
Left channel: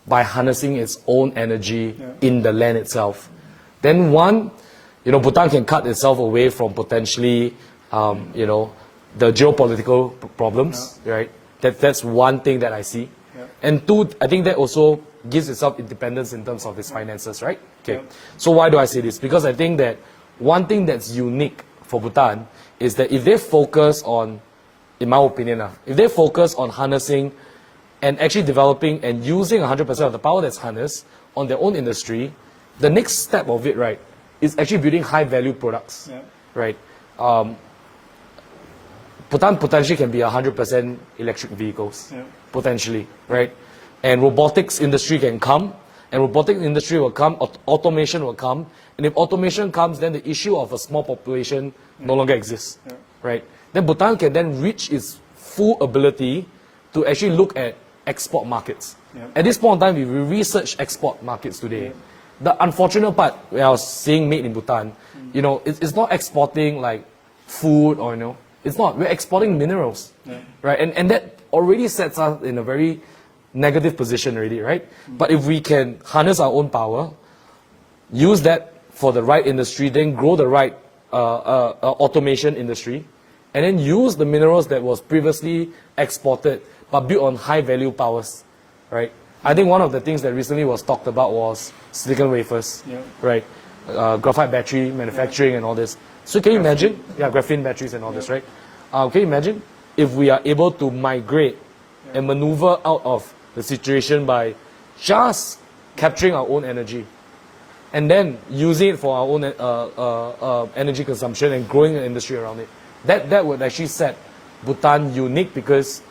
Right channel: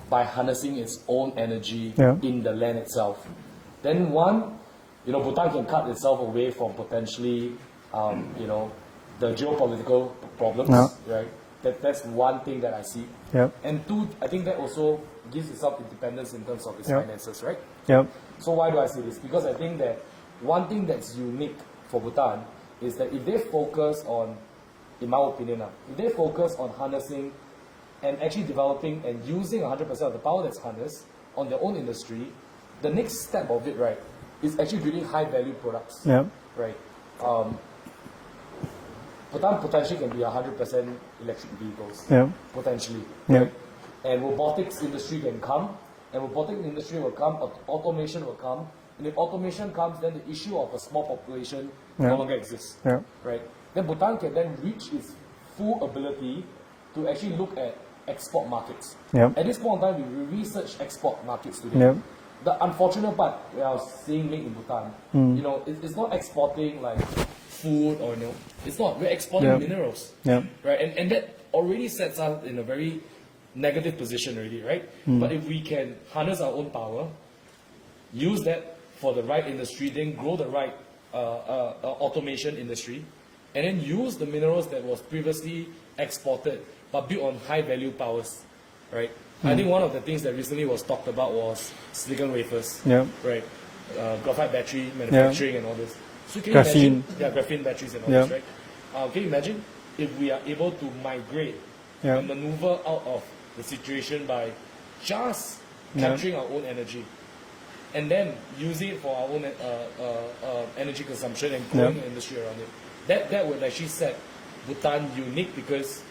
by harnessing its own energy in the land itself, then one, you know, Bhutan can cut itself away from potentially, you know, the geopolitical problems, right? That's one thing that I see. Yeah. And two, I think that also gives itself independence in terms of its finances, right? Okay. Yeah. So why do I say this? Because I think that one thing that's unique for Bhutan is that if they focus on, in my opinion, if they focus on harnessing and actually developing and using 100% of the power that's harnessed on their own industry, the next step of it, right, is actually building high-value products, right? Bhutan potentially can be 100% electric vehicles, potentially, right? And robotics industry can come, and robotics industry will come, automation will come, and if automation comes, then the issue of a small population no longer exists, right? Then Bhutan can then reach its full ability to actually look at export markets. At this point in time, if we research export markets today, the unfortunate part, where I was seeing made in Bhutan, you know, it's not exporting like food or, you know, it's not. We're exporting minerals, right? And that already sets us in a very negative position already, right? But if we can harness our own power, use that for the right industry, then grow the right automation industry, and then use the minerals that was previously exported but built on high value powers, right? I think one of the things that recently was talked about was silicon wafers, right? Graphite battery manufacturing and all this. So can you imagine? Yeah, graphene batteries and all this, right? Can you imagine if we are able to migrate and maneuver out of the situation by just capturing our own energy and then using it for our own energy consumption and growing an industry around it? That would actually set Bhutan unique, because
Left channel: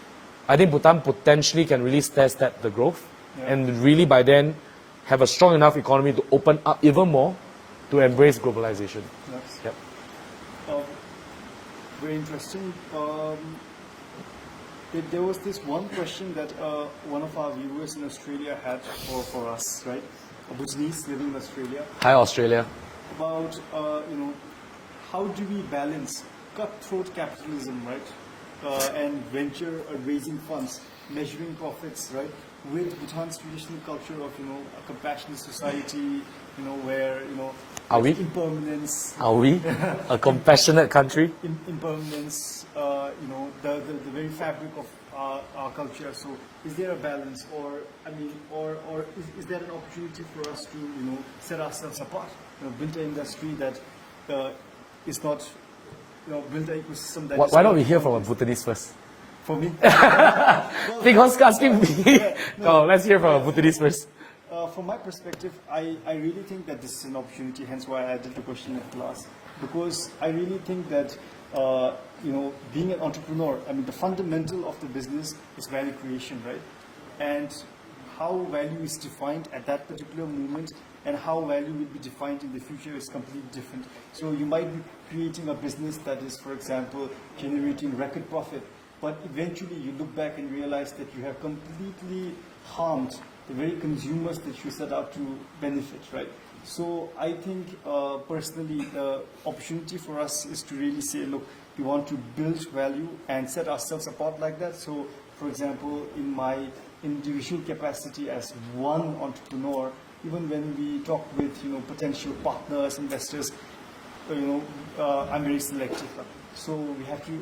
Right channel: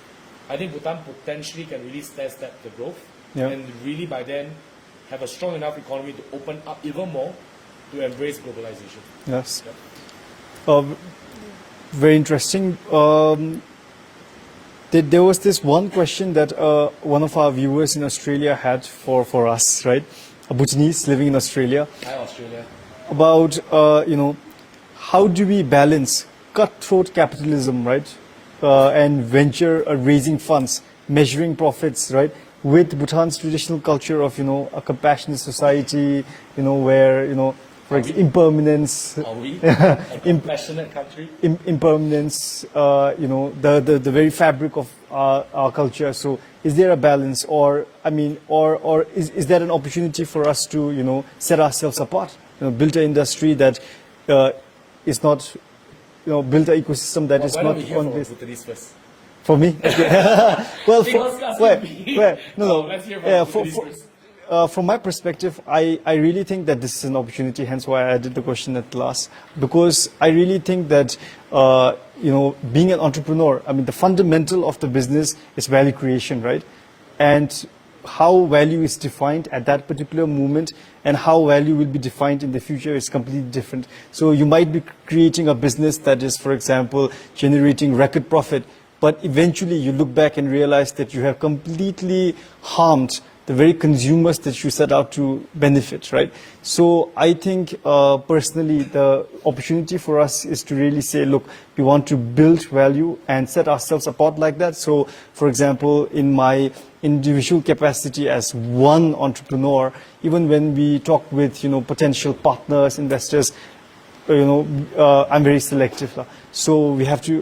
I think Bhutan potentially can really stair-step the growth and really by then have a strong enough economy to open up even more to embrace globalization. Yes. Very interesting. There was this one question that one of our viewers in Australia had for us, right? A Bhutanese living in Australia. Hi, Australia. About, you know, how do we balance cutthroat capitalism, right? And venture raising funds, measuring profits, right? With Bhutan's traditional culture of, you know, a compassionate society, you know, where, you know, impermanence. Are we a compassionate country? Impermanence, you know, the very fabric of our culture. So is there a balance, or, I mean, or is there an opportunity for us to, you know, set ourselves apart? You know, build an industry that is not, you know, build an ecosystem that is. Why don't we hear from a Bhutanese first? For me? Well, because let's hear from a Bhutanese first. From my perspective, I really think that this is an opportunity, hence why I did the question at last. Because I really think that, you know, being an entrepreneur, I mean, the fundamental of the business is value creation, right? And how value is defined at that particular moment and how value will be defined in the future is completely different. So you might be creating a business that is, for example, generating record profit, but eventually you look back and realize that you have completely harmed the very consumers that you set out to benefit, right? So I think personally the opportunity for us is to really say, look, we want to build value and set ourselves apart like that. So for example, in my individual capacity as one entrepreneur, even when we talk with, you know, potential partners, investors, you know, I'm very selective. So we have to,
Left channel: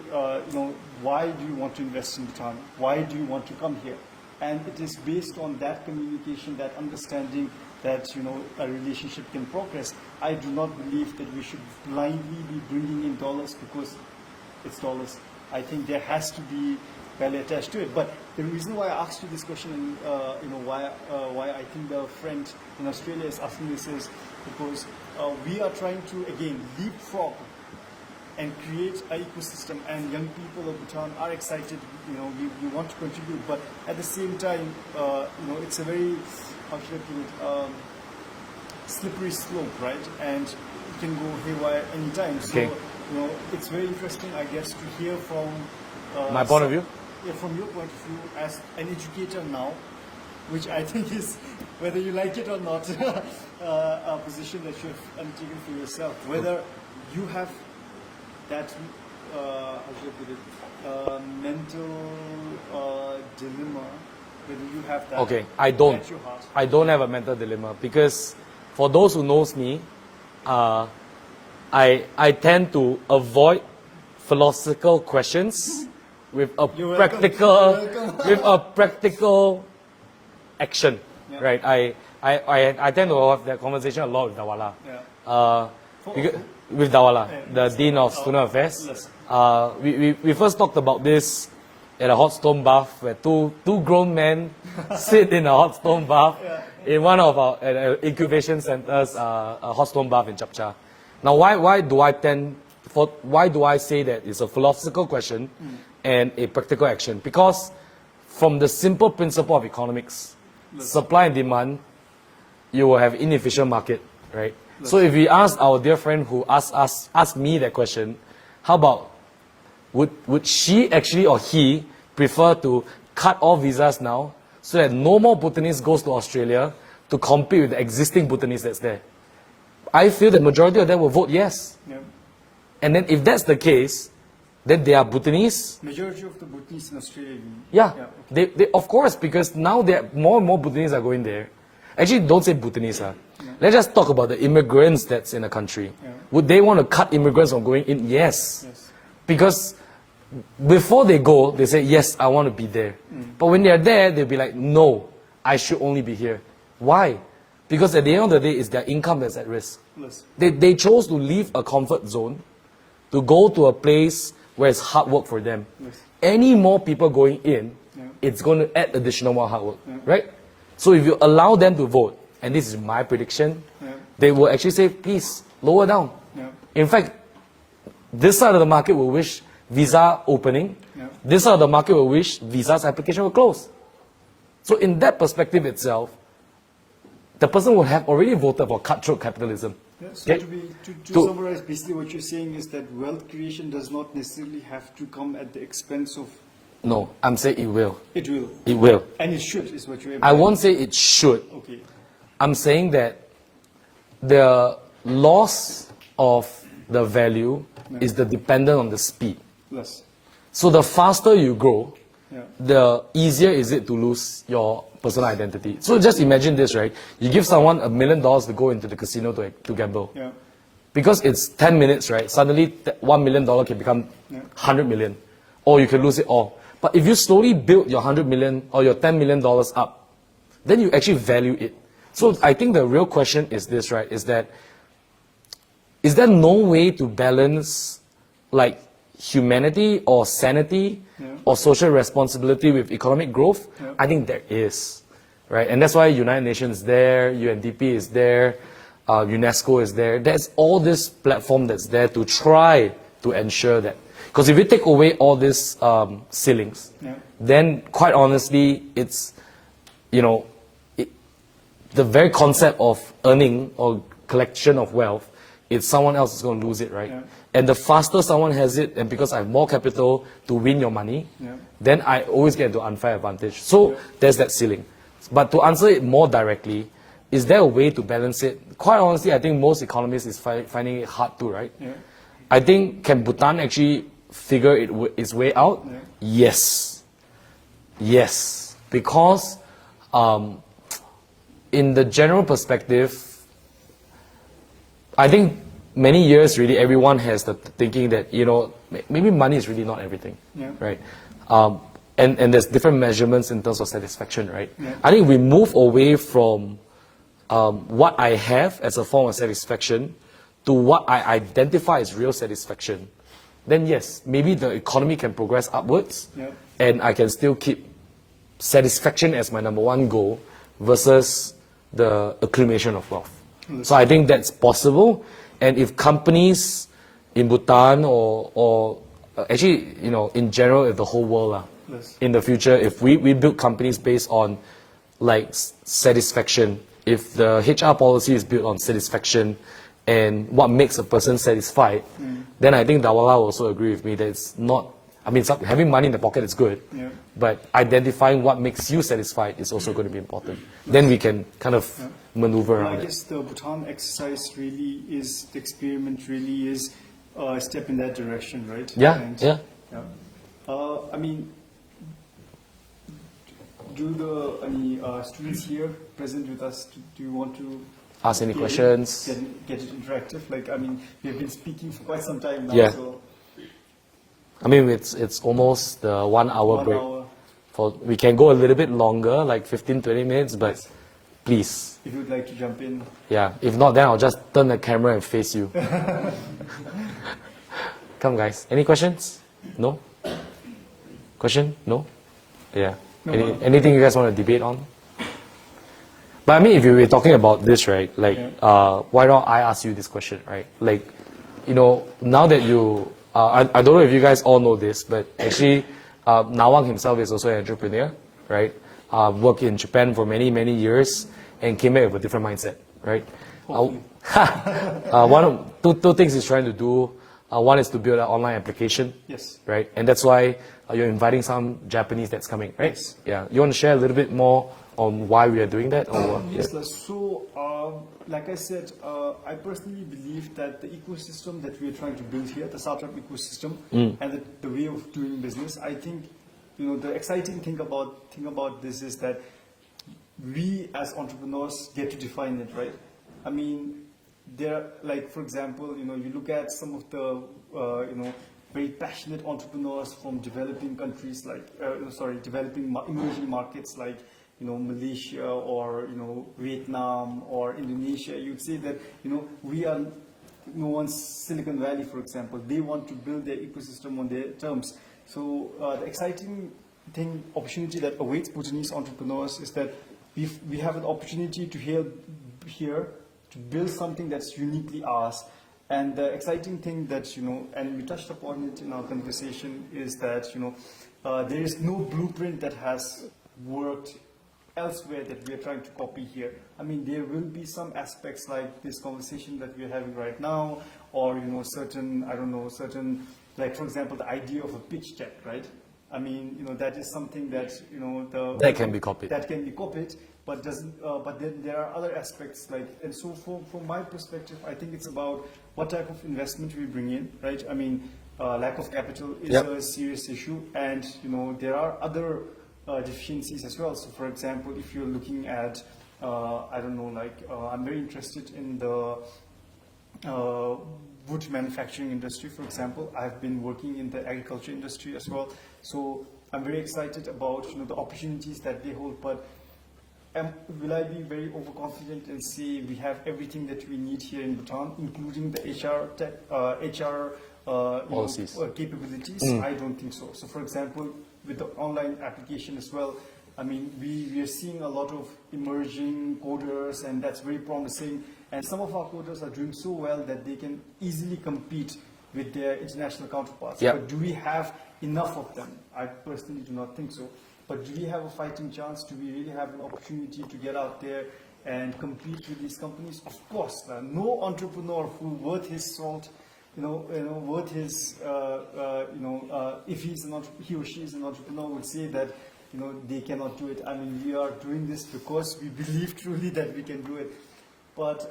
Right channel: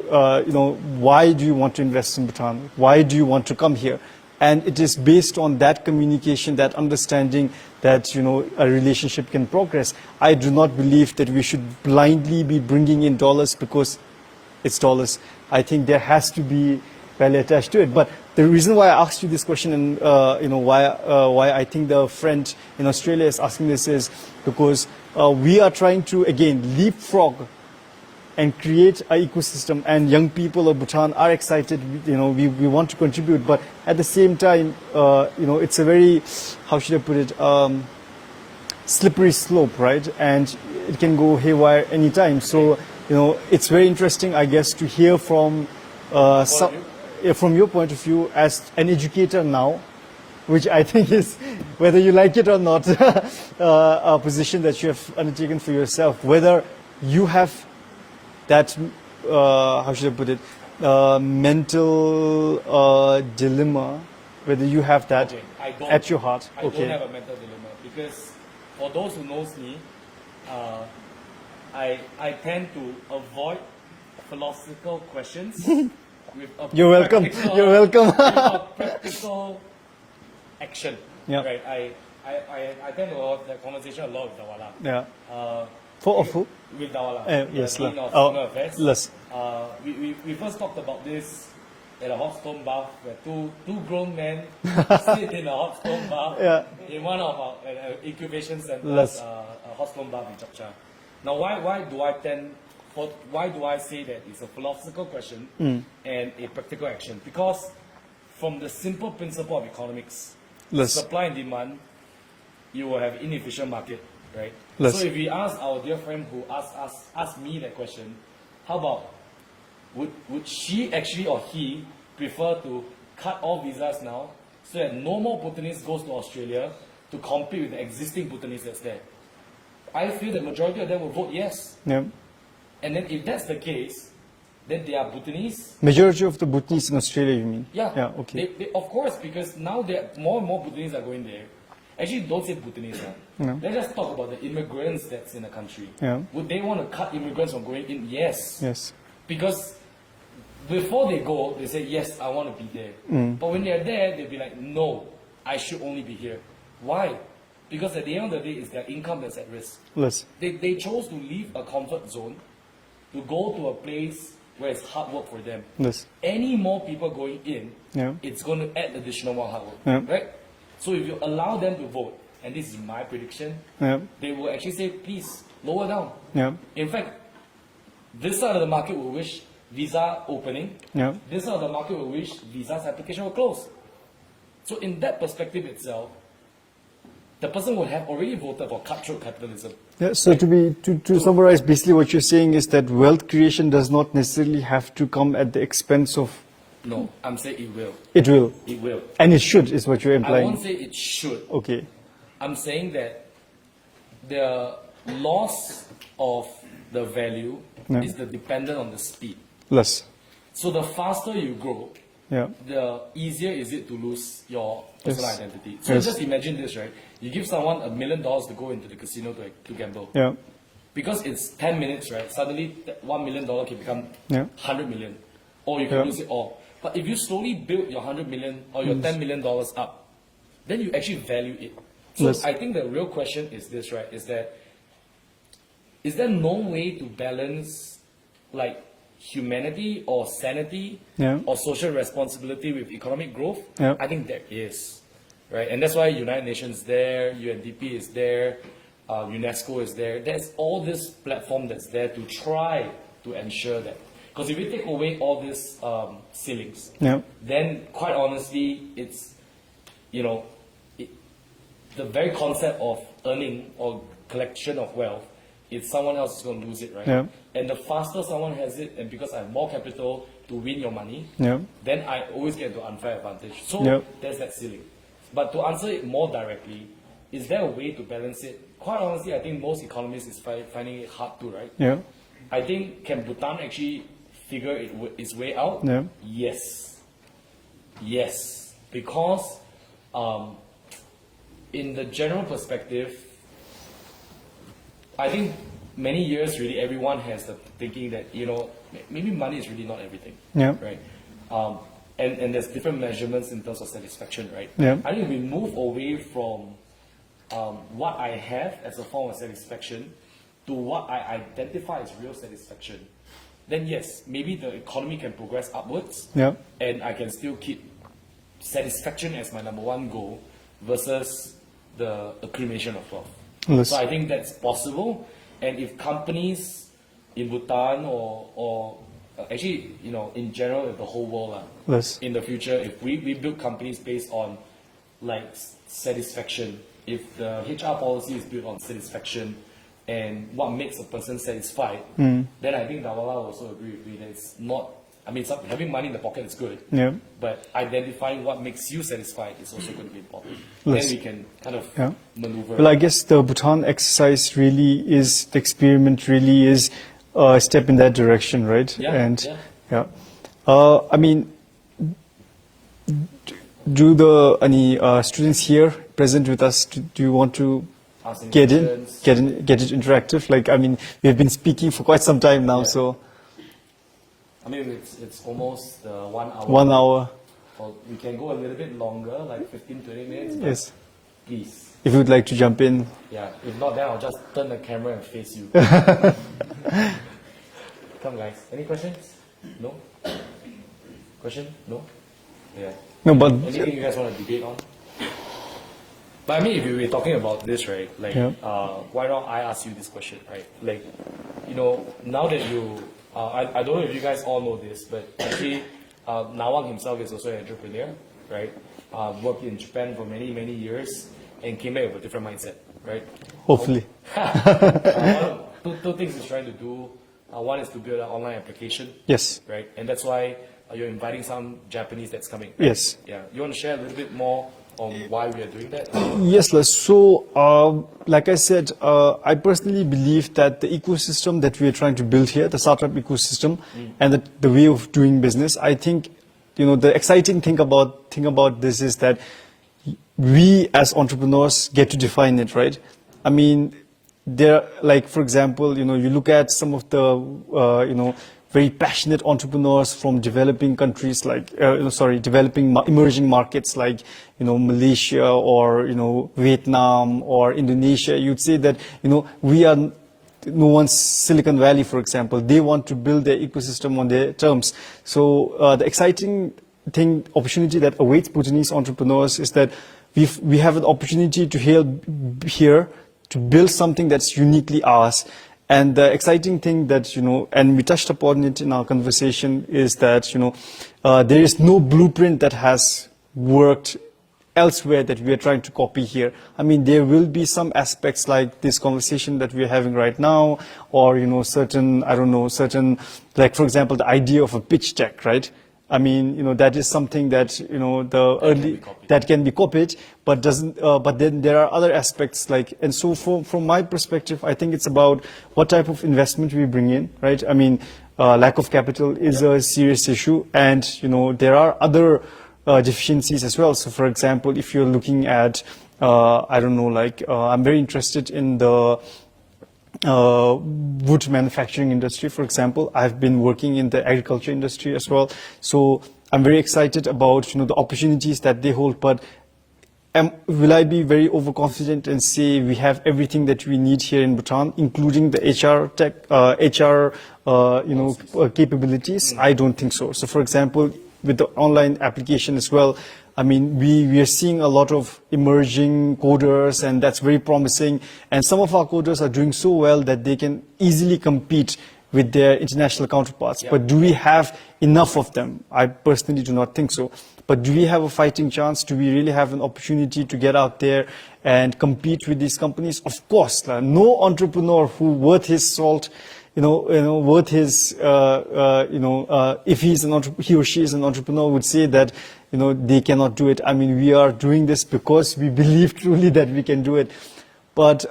you know, why do you want to invest in Bhutan? Why do you want to come here? And it is based on that communication, that understanding that, you know, a relationship can progress. I do not believe that we should blindly be bringing in dollars because it's dollars. I think there has to be value attached to it. But the reason why I asked you this question and, you know, why I think the friend in Australia is asking this is because we are trying to, again, leapfrog and create an ecosystem, and young people of Bhutan are excited, you know, we want to contribute, but at the same time, you know, it's a very, how should I put it, slippery slope, right? And it can go haywire anytime. So, you know, it's very interesting, I guess, to hear from, from your point of view as an educator now, which I think is, whether you like it or not, a position that you have undertaken for yourself, whether you have that, how should I put it, mental dilemma, whether you have that at your heart. I don't have a mental dilemma, because for those who knows me, I tend to avoid philosophical questions with a You're welcome. practical You're welcome. with a practical action. Yeah. Right. I tend to have that conversation a lot with Dawala. Yeah. Because- who? with Dawala, the yes, Dean of oh, Student Affairs. yes. We first talked about this at a hot stone bath where two grown men sit in a hot stone bath in one of our incubation centers, Yes. a hot stone bath in Chapcha. Now, why do I say that it's a philosophical question and a practical action? Because from the simple principle of economics, Yes. supply and demand, you will have inefficient market, right? Yes. So if we ask our dear friend who asked me that question, how about would she actually or he prefer to cut all visas now so that no more Bhutanese goes to Australia to compete with the existing Bhutanese that's there? I feel the majority of them will vote yes. Yeah. And then if that's the case, then they are Bhutanese. Majority of the Bhutanese in Australia, you mean? Yeah. Yeah. Okay. They, of course, because now more and more Bhutanese are going there. Actually, don't say Bhutanese. Let's just talk about the immigrants that's in the country. Yeah. Would they want to cut immigrants from going in? Yes. Yes. Because before they go, they say, yes, I want to be there. But when they're there, they'll be like, no, I should only be here. Why? Because at the end of the day, it's their income that's at risk. Yes. They chose to leave a comfort zone to go to a place where it's hard work for them. Yes. Any more people going in, Yeah. it's going to add additional more hard work, Yeah. right? So if you allow them to vote, and this is my prediction, Yeah. they will actually say, please, lower down. Yeah. In fact, this side of the market will wish visa opening. Yeah. This side of the market will wish visa's application will close. So in that perspective itself, the person would have already voted for cutthroat capitalism. Yeah, so Yeah. to summarize, basically what you're saying is that wealth creation does not necessarily have to come at the expense of. No, I'm saying it will. It will. It will. And it should, is what you're I implying. won't say it should. Okay. I'm saying that the loss of the value Yeah. is the dependent on the speed. Less. So the faster you grow, Yeah. the easier is it to lose your personal Yes. identity. So just imagine this, right? You give someone $1 million to go into the casino to gamble. Yeah. Because it's 10 minutes, right? Suddenly $1 million can become Yeah. 100 million. Or you can lose it all. But if you slowly build your 100 million or your $10 million up, then you actually value it. So Yes. I think the real question is this, right? Is there no way to balance like humanity or sanity Yeah. or social responsibility with economic growth? Yeah. I think there is, right? And that's why United Nations is there, UNDP is there, UNESCO is there. There's all this platform that's there to try to ensure that. Because if you take away all these ceilings, Yeah. then quite honestly, it's, the very concept of earning or collection of wealth, it's someone else is going to lose it, right? Yeah. And the faster someone has it, and because I have more capital to win your money, Yeah. then I always get into unfair advantage. So Yeah. there's that ceiling. But to answer it more directly, is there a way to balance it? Quite honestly, I think most economists is finding it hard to, right? Yeah. I think, can Bhutan actually figure its way out? Yeah. Yes. Yes. Because in the general perspective, I think many years really everyone has the thinking that, maybe money is really not everything. Yeah. Right? And there's different measurements in terms of satisfaction, right? Yeah. I think we move away from what I have as a form of satisfaction to what I identify as real satisfaction. Then yes, maybe the economy can progress upwards, Yeah. and I can still keep satisfaction as my number one goal versus the accumulation of wealth. Yes. So I think that's possible, and if companies in Bhutan or actually, in general, if the whole world, Yes. in the future, if we build companies based on like satisfaction, if the HR policy is built on satisfaction and what makes a person satisfied, then I think Dawala will also agree with me that it's not, having money in the pocket is good, Yeah. but identifying what makes you satisfied is also going to be important. Then we can kind of Yeah. maneuver. Well, I guess the Bhutan exercise really is, the experiment really is a step in that direction, right? Yeah, And, yeah. yeah. Do any students here present with us, do you want to ask any get questions. get it interactive. Like, I mean, we've been speaking for quite some time now, Yeah. so I mean, it's almost the 1 hour. 1 break. hour. We can go a little bit longer, like 15, 20 minutes, but Yes. please. If you would like to jump in. Yeah, if not, then I'll just turn the camera and face you. Come, guys. Any questions? No? Question? No? Yeah. No, but anything you guys want to debate on? But I mean, if you were talking about this, right, like, why don't I ask you this question, right? Like, you know, now that you, I don't know if you guys all know this, but actually, Ngawang himself is also an entrepreneur, right? Worked in Japan for many, many years and came back with a different mindset, right? hopefully. Two things he's trying to do. One is to build an online application. Yes. Right? And that's why you're inviting some Japanese that's coming, right? Yes. Yeah. You want to share a little bit more on why we are doing that? Or? Yes, Les. So, like I said, I personally believe that the ecosystem that we are trying to build here, the startup ecosystem, and the way of doing business, I think, you know, the exciting thing about this is that we as entrepreneurs get to define it, right? I mean, there, like, for example, you know, you look at some of the, you know, very passionate entrepreneurs from developing countries like, developing emerging markets like, you know, Malaysia or, you know, Vietnam or Indonesia. You'd say that, you know, we are no one's Silicon Valley, for example. They want to build their ecosystem on their terms. So the exciting opportunity that awaits Bhutanese entrepreneurs is that we have an opportunity to here to build something that's uniquely ours. And the exciting thing that, you know, and we touched upon it in our conversation, is that, you know, there is no blueprint that has worked elsewhere that we are trying to copy here. I mean, there will be some aspects like this conversation that we are having right now, or, you know, certain, like, for example, the idea of a pitch deck, right? I mean, you know, that is something that, you know, that can be copied, but doesn't. But then there are other aspects like, and so from my perspective, I think it's about what type of investment we bring in, right? I mean, lack of capital is a serious issue, and, you know, there are other deficiencies as well. So, for example, if you're looking at, I'm very interested in the wood manufacturing industry, for example. I've been working in the agriculture industry as well, so I'm very excited about, you know, the opportunities that they hold. But will I be very overconfident and say we have everything that we need here in Bhutan, including the HR capabilities? I don't think so. So, for example, with the online application as well, I mean, we are seeing a lot of emerging coders, and that's very promising. And some of our coders are doing so well that they can easily compete with their international counterparts. But do we have enough of them? I personally do not think so. But do we have a fighting chance? Do we really have an opportunity to get out there and compete with these companies? Of course, no entrepreneur who worth his salt, worth his, if he or she is an entrepreneur, would say that, you know, they cannot do it. I mean, we are doing this because we believe truly that we can do it. But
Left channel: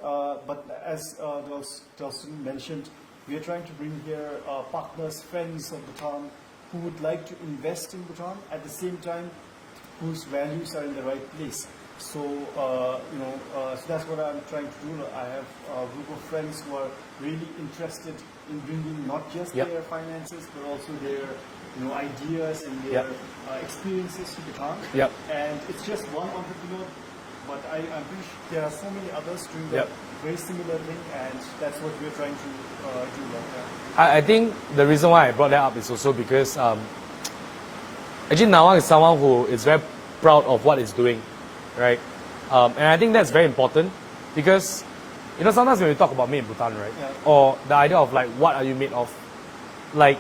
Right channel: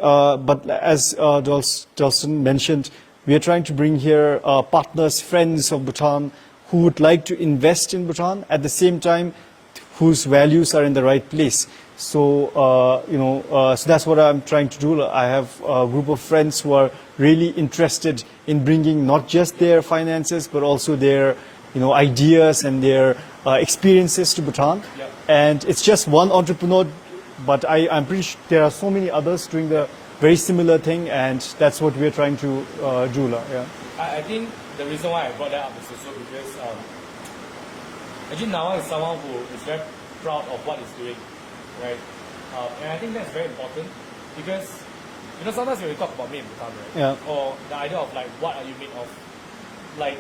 as Dalston mentioned, we are trying to bring here partners, friends of Bhutan who would like to invest in Bhutan at the same time, whose values are in the right place. So, so that's what I'm trying to do. I have a group of friends who are really interested in bringing not just their finances, but also their, you know, ideas and their experiences to Bhutan. And it's just one entrepreneur, but I'm pretty sure there are so many others doing the very similar thing, and that's what we're trying to do. I think the reason why I brought that up is also because actually Ngawang is someone who is very proud of what he's doing, right? And I think that's very important because, you know, sometimes when we talk about made in Bhutan, right? Or the idea of like, what are you made of? Like,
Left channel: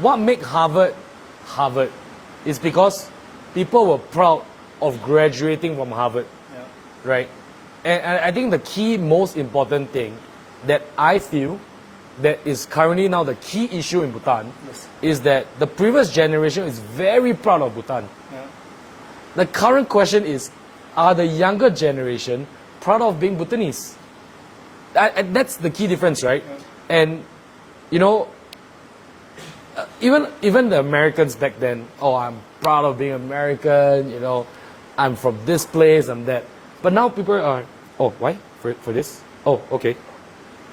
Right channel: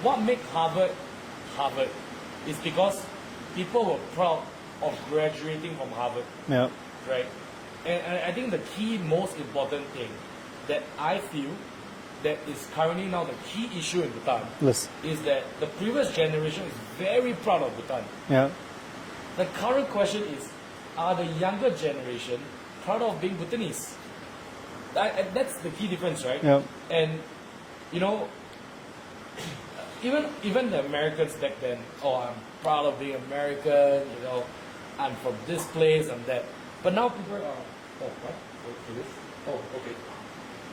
what make Harvard Harvard is because people were proud of graduating from Harvard, right? And I think the key, most important thing that I feel that is currently now the key issue in Bhutan is that the previous generation is very proud of Bhutan. The current question is, are the younger generation proud of being Bhutanese? That's the key difference, right? And, you know, even the Americans back then, oh, I'm proud of being American, you know, I'm from this place, I'm that. But now people are, oh, why? for this? Oh, okay.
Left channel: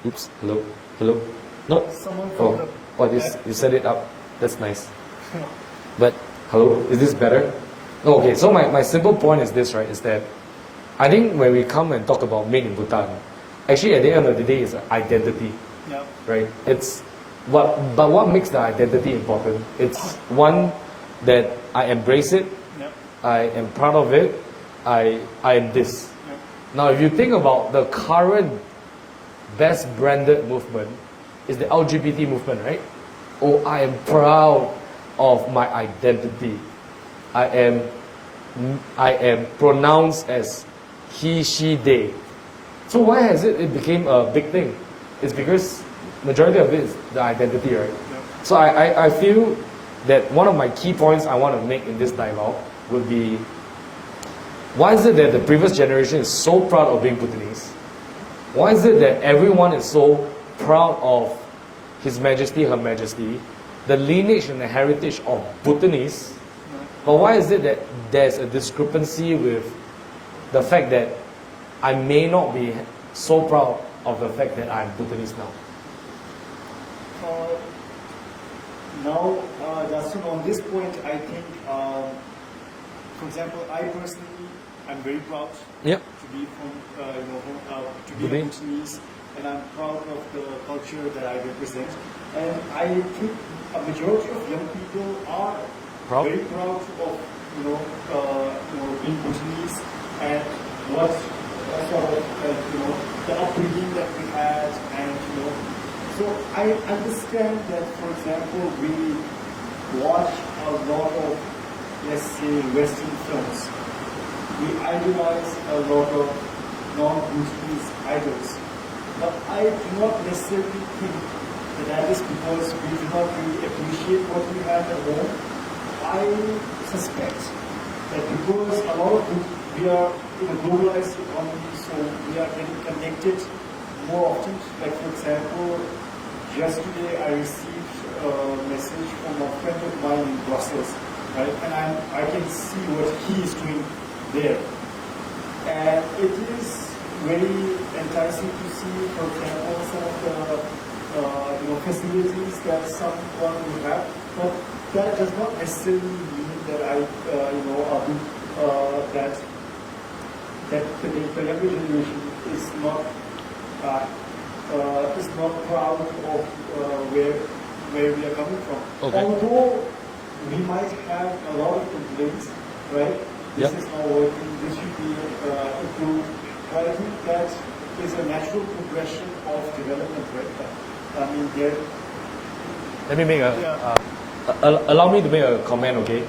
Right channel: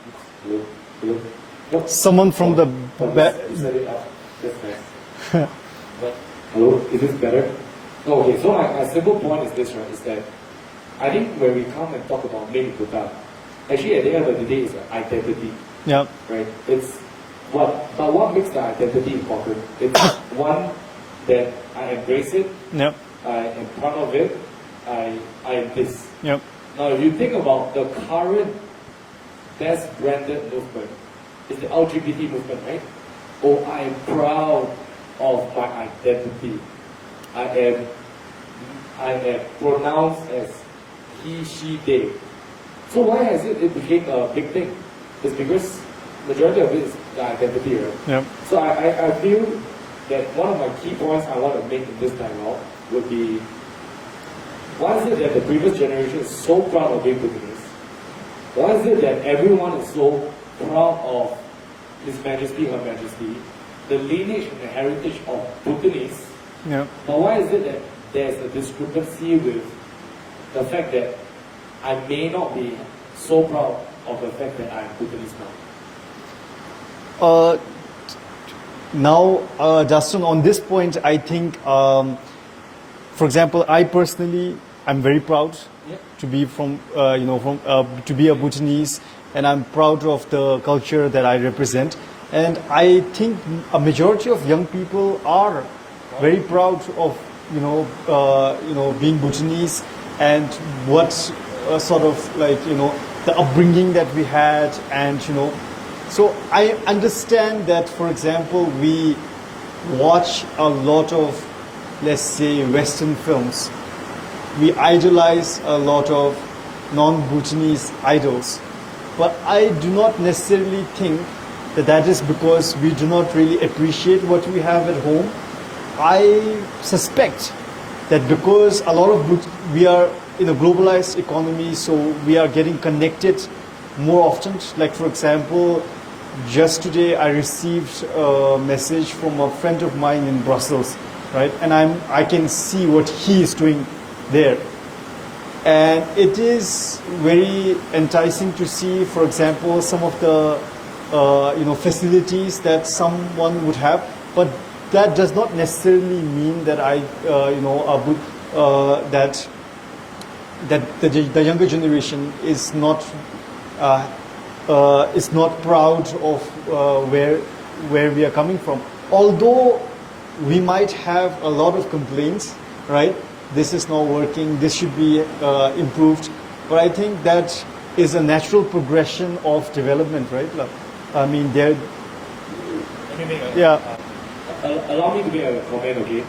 Oops. Hello. Hello. No. Someone from the back. You set it up. That's nice. But hello, is this better? No, okay. So my simple point is this, right? Is that I think when we come and talk about made in Bhutan, actually at the end of the day, it's an identity. Yeah. Right. But what makes the identity important? It's one that I embrace it. Yep. I am proud of it. I am this. Yep. Now, if you think about the current best branded movement, is the LGBT movement, right? Oh, I am proud of my identity. I am pronounced as he, she, they. So why has it became a big thing? It's because majority of it is the identity, right? Yep. So I feel that one of my key points I want to make in this dialogue would be, why is it that the previous generation is so proud of being Bhutanese? Why is it that everyone is so proud of His Majesty, Her Majesty, the lineage and the heritage of Bhutanese? Yeah. But why is it that there's a discrepancy with the fact that I may not be so proud of the fact that I'm Bhutanese now? Justin, on this point, I think, for example, I personally, I'm very proud Yep. to be from, to be a Bhutanese, and I'm proud of the culture that I represent. And I think a majority of young people are very proud of, being Bhutanese and what sort of the upbringing that we had, and so I understand that, for example, we watch a lot of, let's say, Western films. We idolize a lot of non-Bhutanese idols. But I do not necessarily think that that is because we do not really appreciate what we have at home. I suspect that because a lot of we are in a globalized economy, so we are getting connected more often. Like, for example, just today I received a message from a friend of mine in Brussels, right? And I can see what he is doing there. And it is very enticing to see, for example, some of the facilities that someone would have, but that does not necessarily mean that the younger generation is not proud of where we are coming from. Okay. Although we might have a lot of complaints, right? This is not working, this should be improved. But I think that is a natural progression of development, right? I mean, Let me make allow me to make a comment, okay?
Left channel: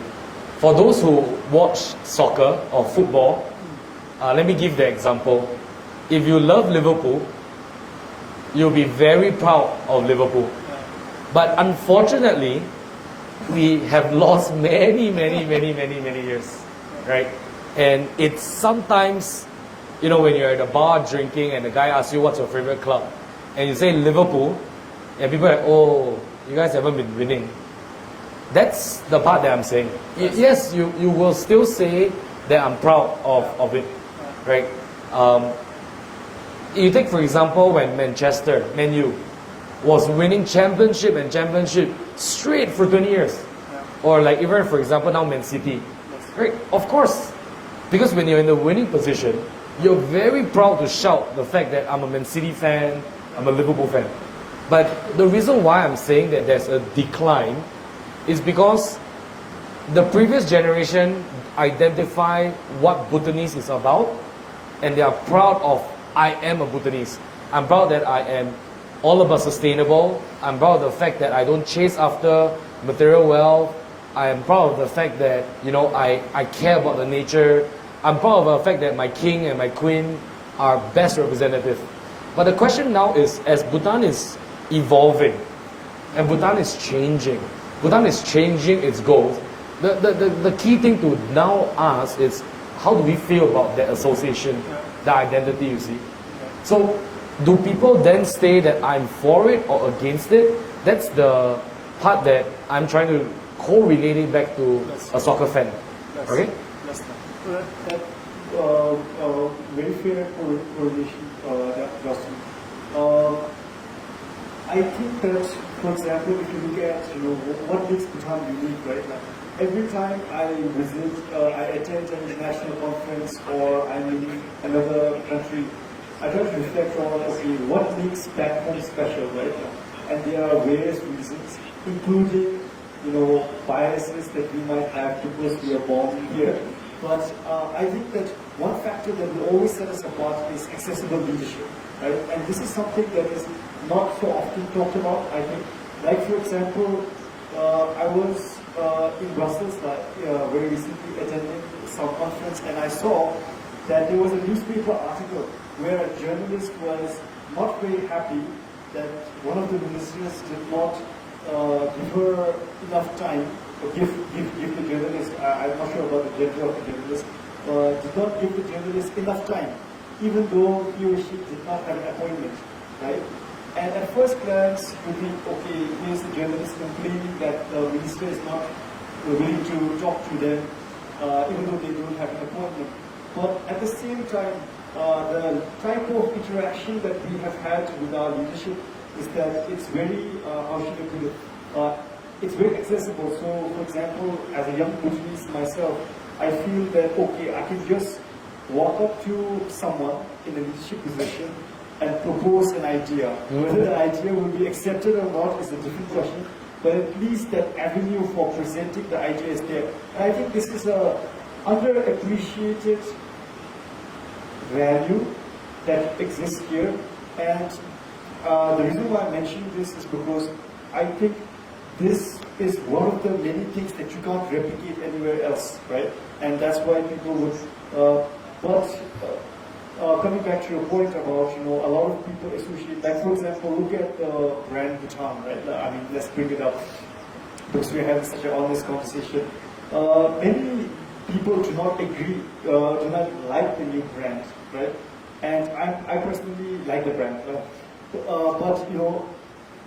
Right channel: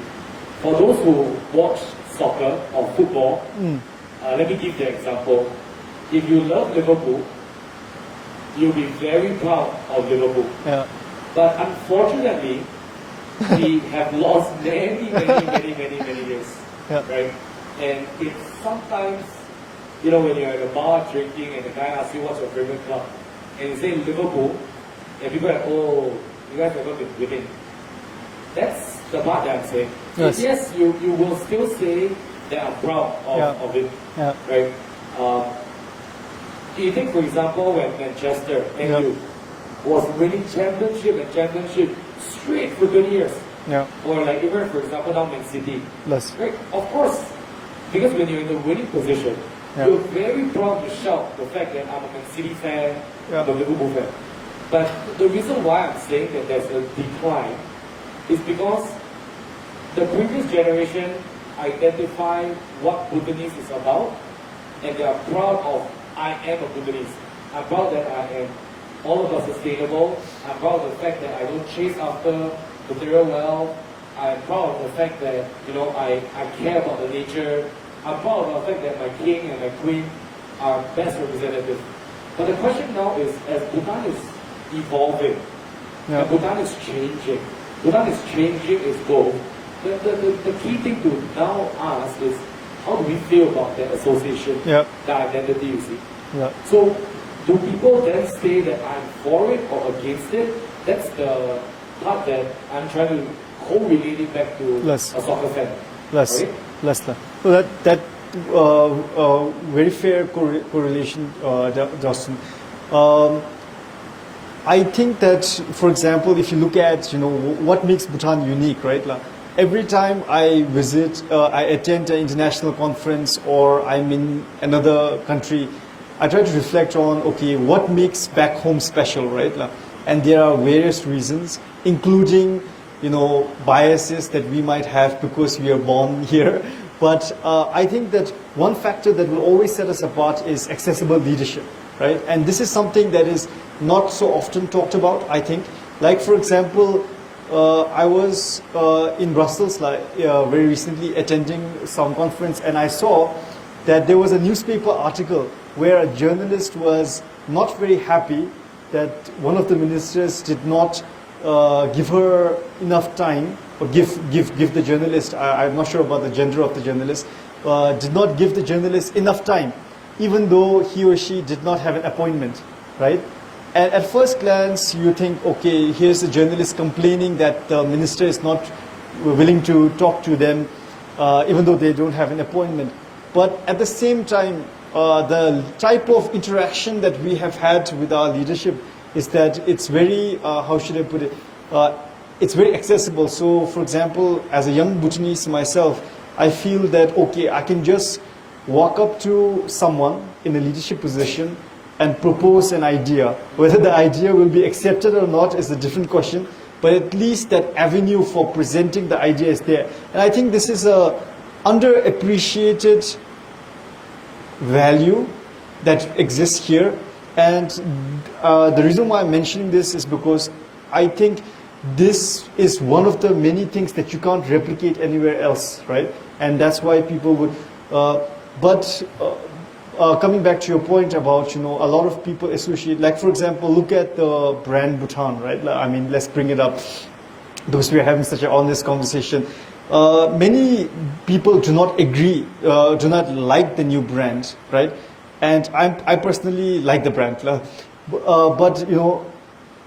For those who watch soccer or football, let me give the example. If you love Liverpool, you'll be very proud of Liverpool. Yeah. But unfortunately, we have lost many years, right? And it's sometimes, when you're at a bar drinking and the guy asks you what's your favorite club, and you say Liverpool, and people are like, oh, you guys haven't been winning. That's the part that I'm saying. Yes, you will still say that I'm proud of it, right? You take, for example, when Manchester, Man U, was winning championship straight for 20 years. Yeah. Or like even, for example, now Man City. Yes. Right? Of course. Because when you're in the winning position, you're very proud to shout the fact that I'm a Man City fan, I'm a Liverpool fan. But the reason why I'm saying that there's a decline is because the previous generation identify what Bhutanese is about, and they are proud of, I am a Bhutanese. I'm proud that I am all about sustainable. I'm proud of the fact that I don't chase after material wealth. I am proud of the fact that, I care about the nature. I'm proud of the fact that my king and my queen are best representative. But the question now is, as Bhutan is evolving, and Bhutan is changing its goals, the key thing to now ask is, how do we feel about that association, that identity, you see? Yeah. So, do people then say that I'm for it or against it? That's the part that I'm trying to correlate it back to a soccer fan. So very fair correlation, Dalston. I think that, for example, if you look at what makes Bhutan unique, right? Like, every time I visit, I attend an international conference or I'm in another country, I try to reflect on, okay, what makes back home special, right? Like, and there are various reasons, including biases that we might have because we are born here. But I think that one factor that will always set us apart is accessible leadership, right? And this is something that is not so often talked about, I think. Like, for example, I was in Brussels very recently attending some conference, and I saw that there was a newspaper article where a journalist was not very happy that one of the ministers did not give her enough time, or give the journalist, I'm not sure about the gender of the journalist, did not give the journalist enough time, even though he or she did not have an appointment, right? And at first glance, you think, okay, here's a journalist complaining that the minister is not willing to talk to them, even though they don't have an appointment. But at the same time, the type of interaction that we have had with our leadership is that it's very, how should I put it, it's very accessible. So, for example, as a young Bhutanese myself, I feel that, okay, I can just walk up to someone in a leadership position and propose an idea. Whether the idea will be accepted or not is a different question, but at least that avenue for presenting the idea is there. And I think this is a underappreciated value that exists here. And the reason why I'm mentioning this is because I think this is one of the many things that you can't replicate anywhere else, right? And that's why people would, coming back to your point about, a lot of people associate, like, for example, look at the brand Bhutan, right? I mean, let's bring it up because we are having such an honest conversation. Many people do not agree, do not like the new brand, right? And I personally like the brand. But,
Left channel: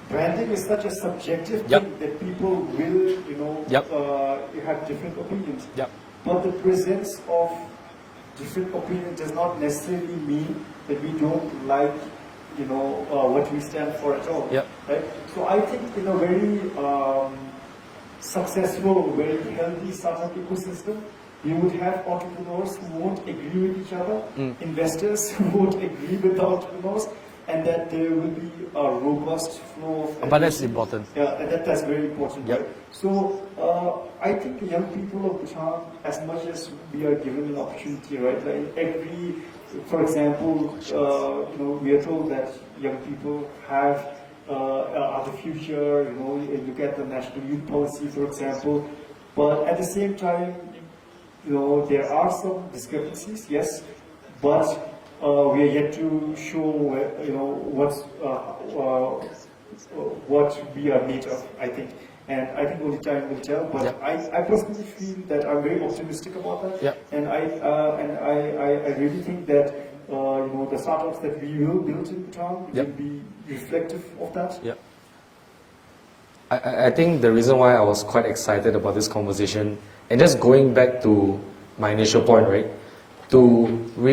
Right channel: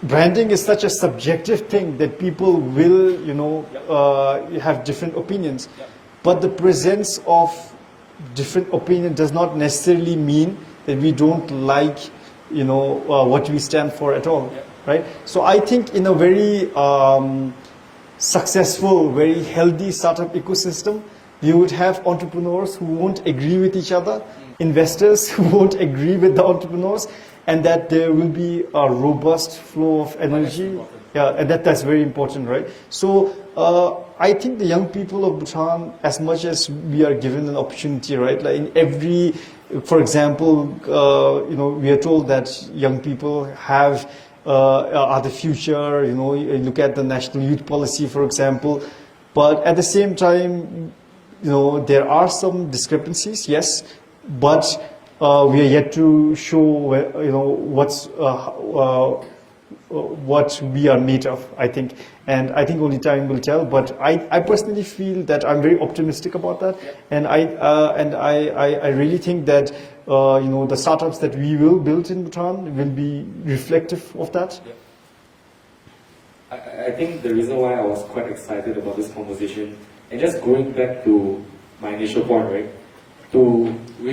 branding is such a subjective thing that people will, have different opinions. But the presence of different opinion does not necessarily mean that we don't like, what we stand for at all, right? So I think in a very successful, very healthy startup ecosystem, you would have entrepreneurs who won't agree with each other, investors who won't agree with the entrepreneurs, and that there will be a robust flow of energy. But that's important. Yeah, and that's very important, right? So I think the young people of Bhutan, as much as we are given an opportunity, right? Like in every, for example, we are told that young people are the future. You look at the national youth policy, for example. But at the same time, there are some discrepancies, yes, but we are yet to show, what we are made of, I think. And I think only time will tell. But I personally feel that I'm very optimistic about that. And I really think that the startups that we will build in Bhutan will be reflective of that. I think the reason why I was quite excited about this conversation, and just going back to my initial point, right, to really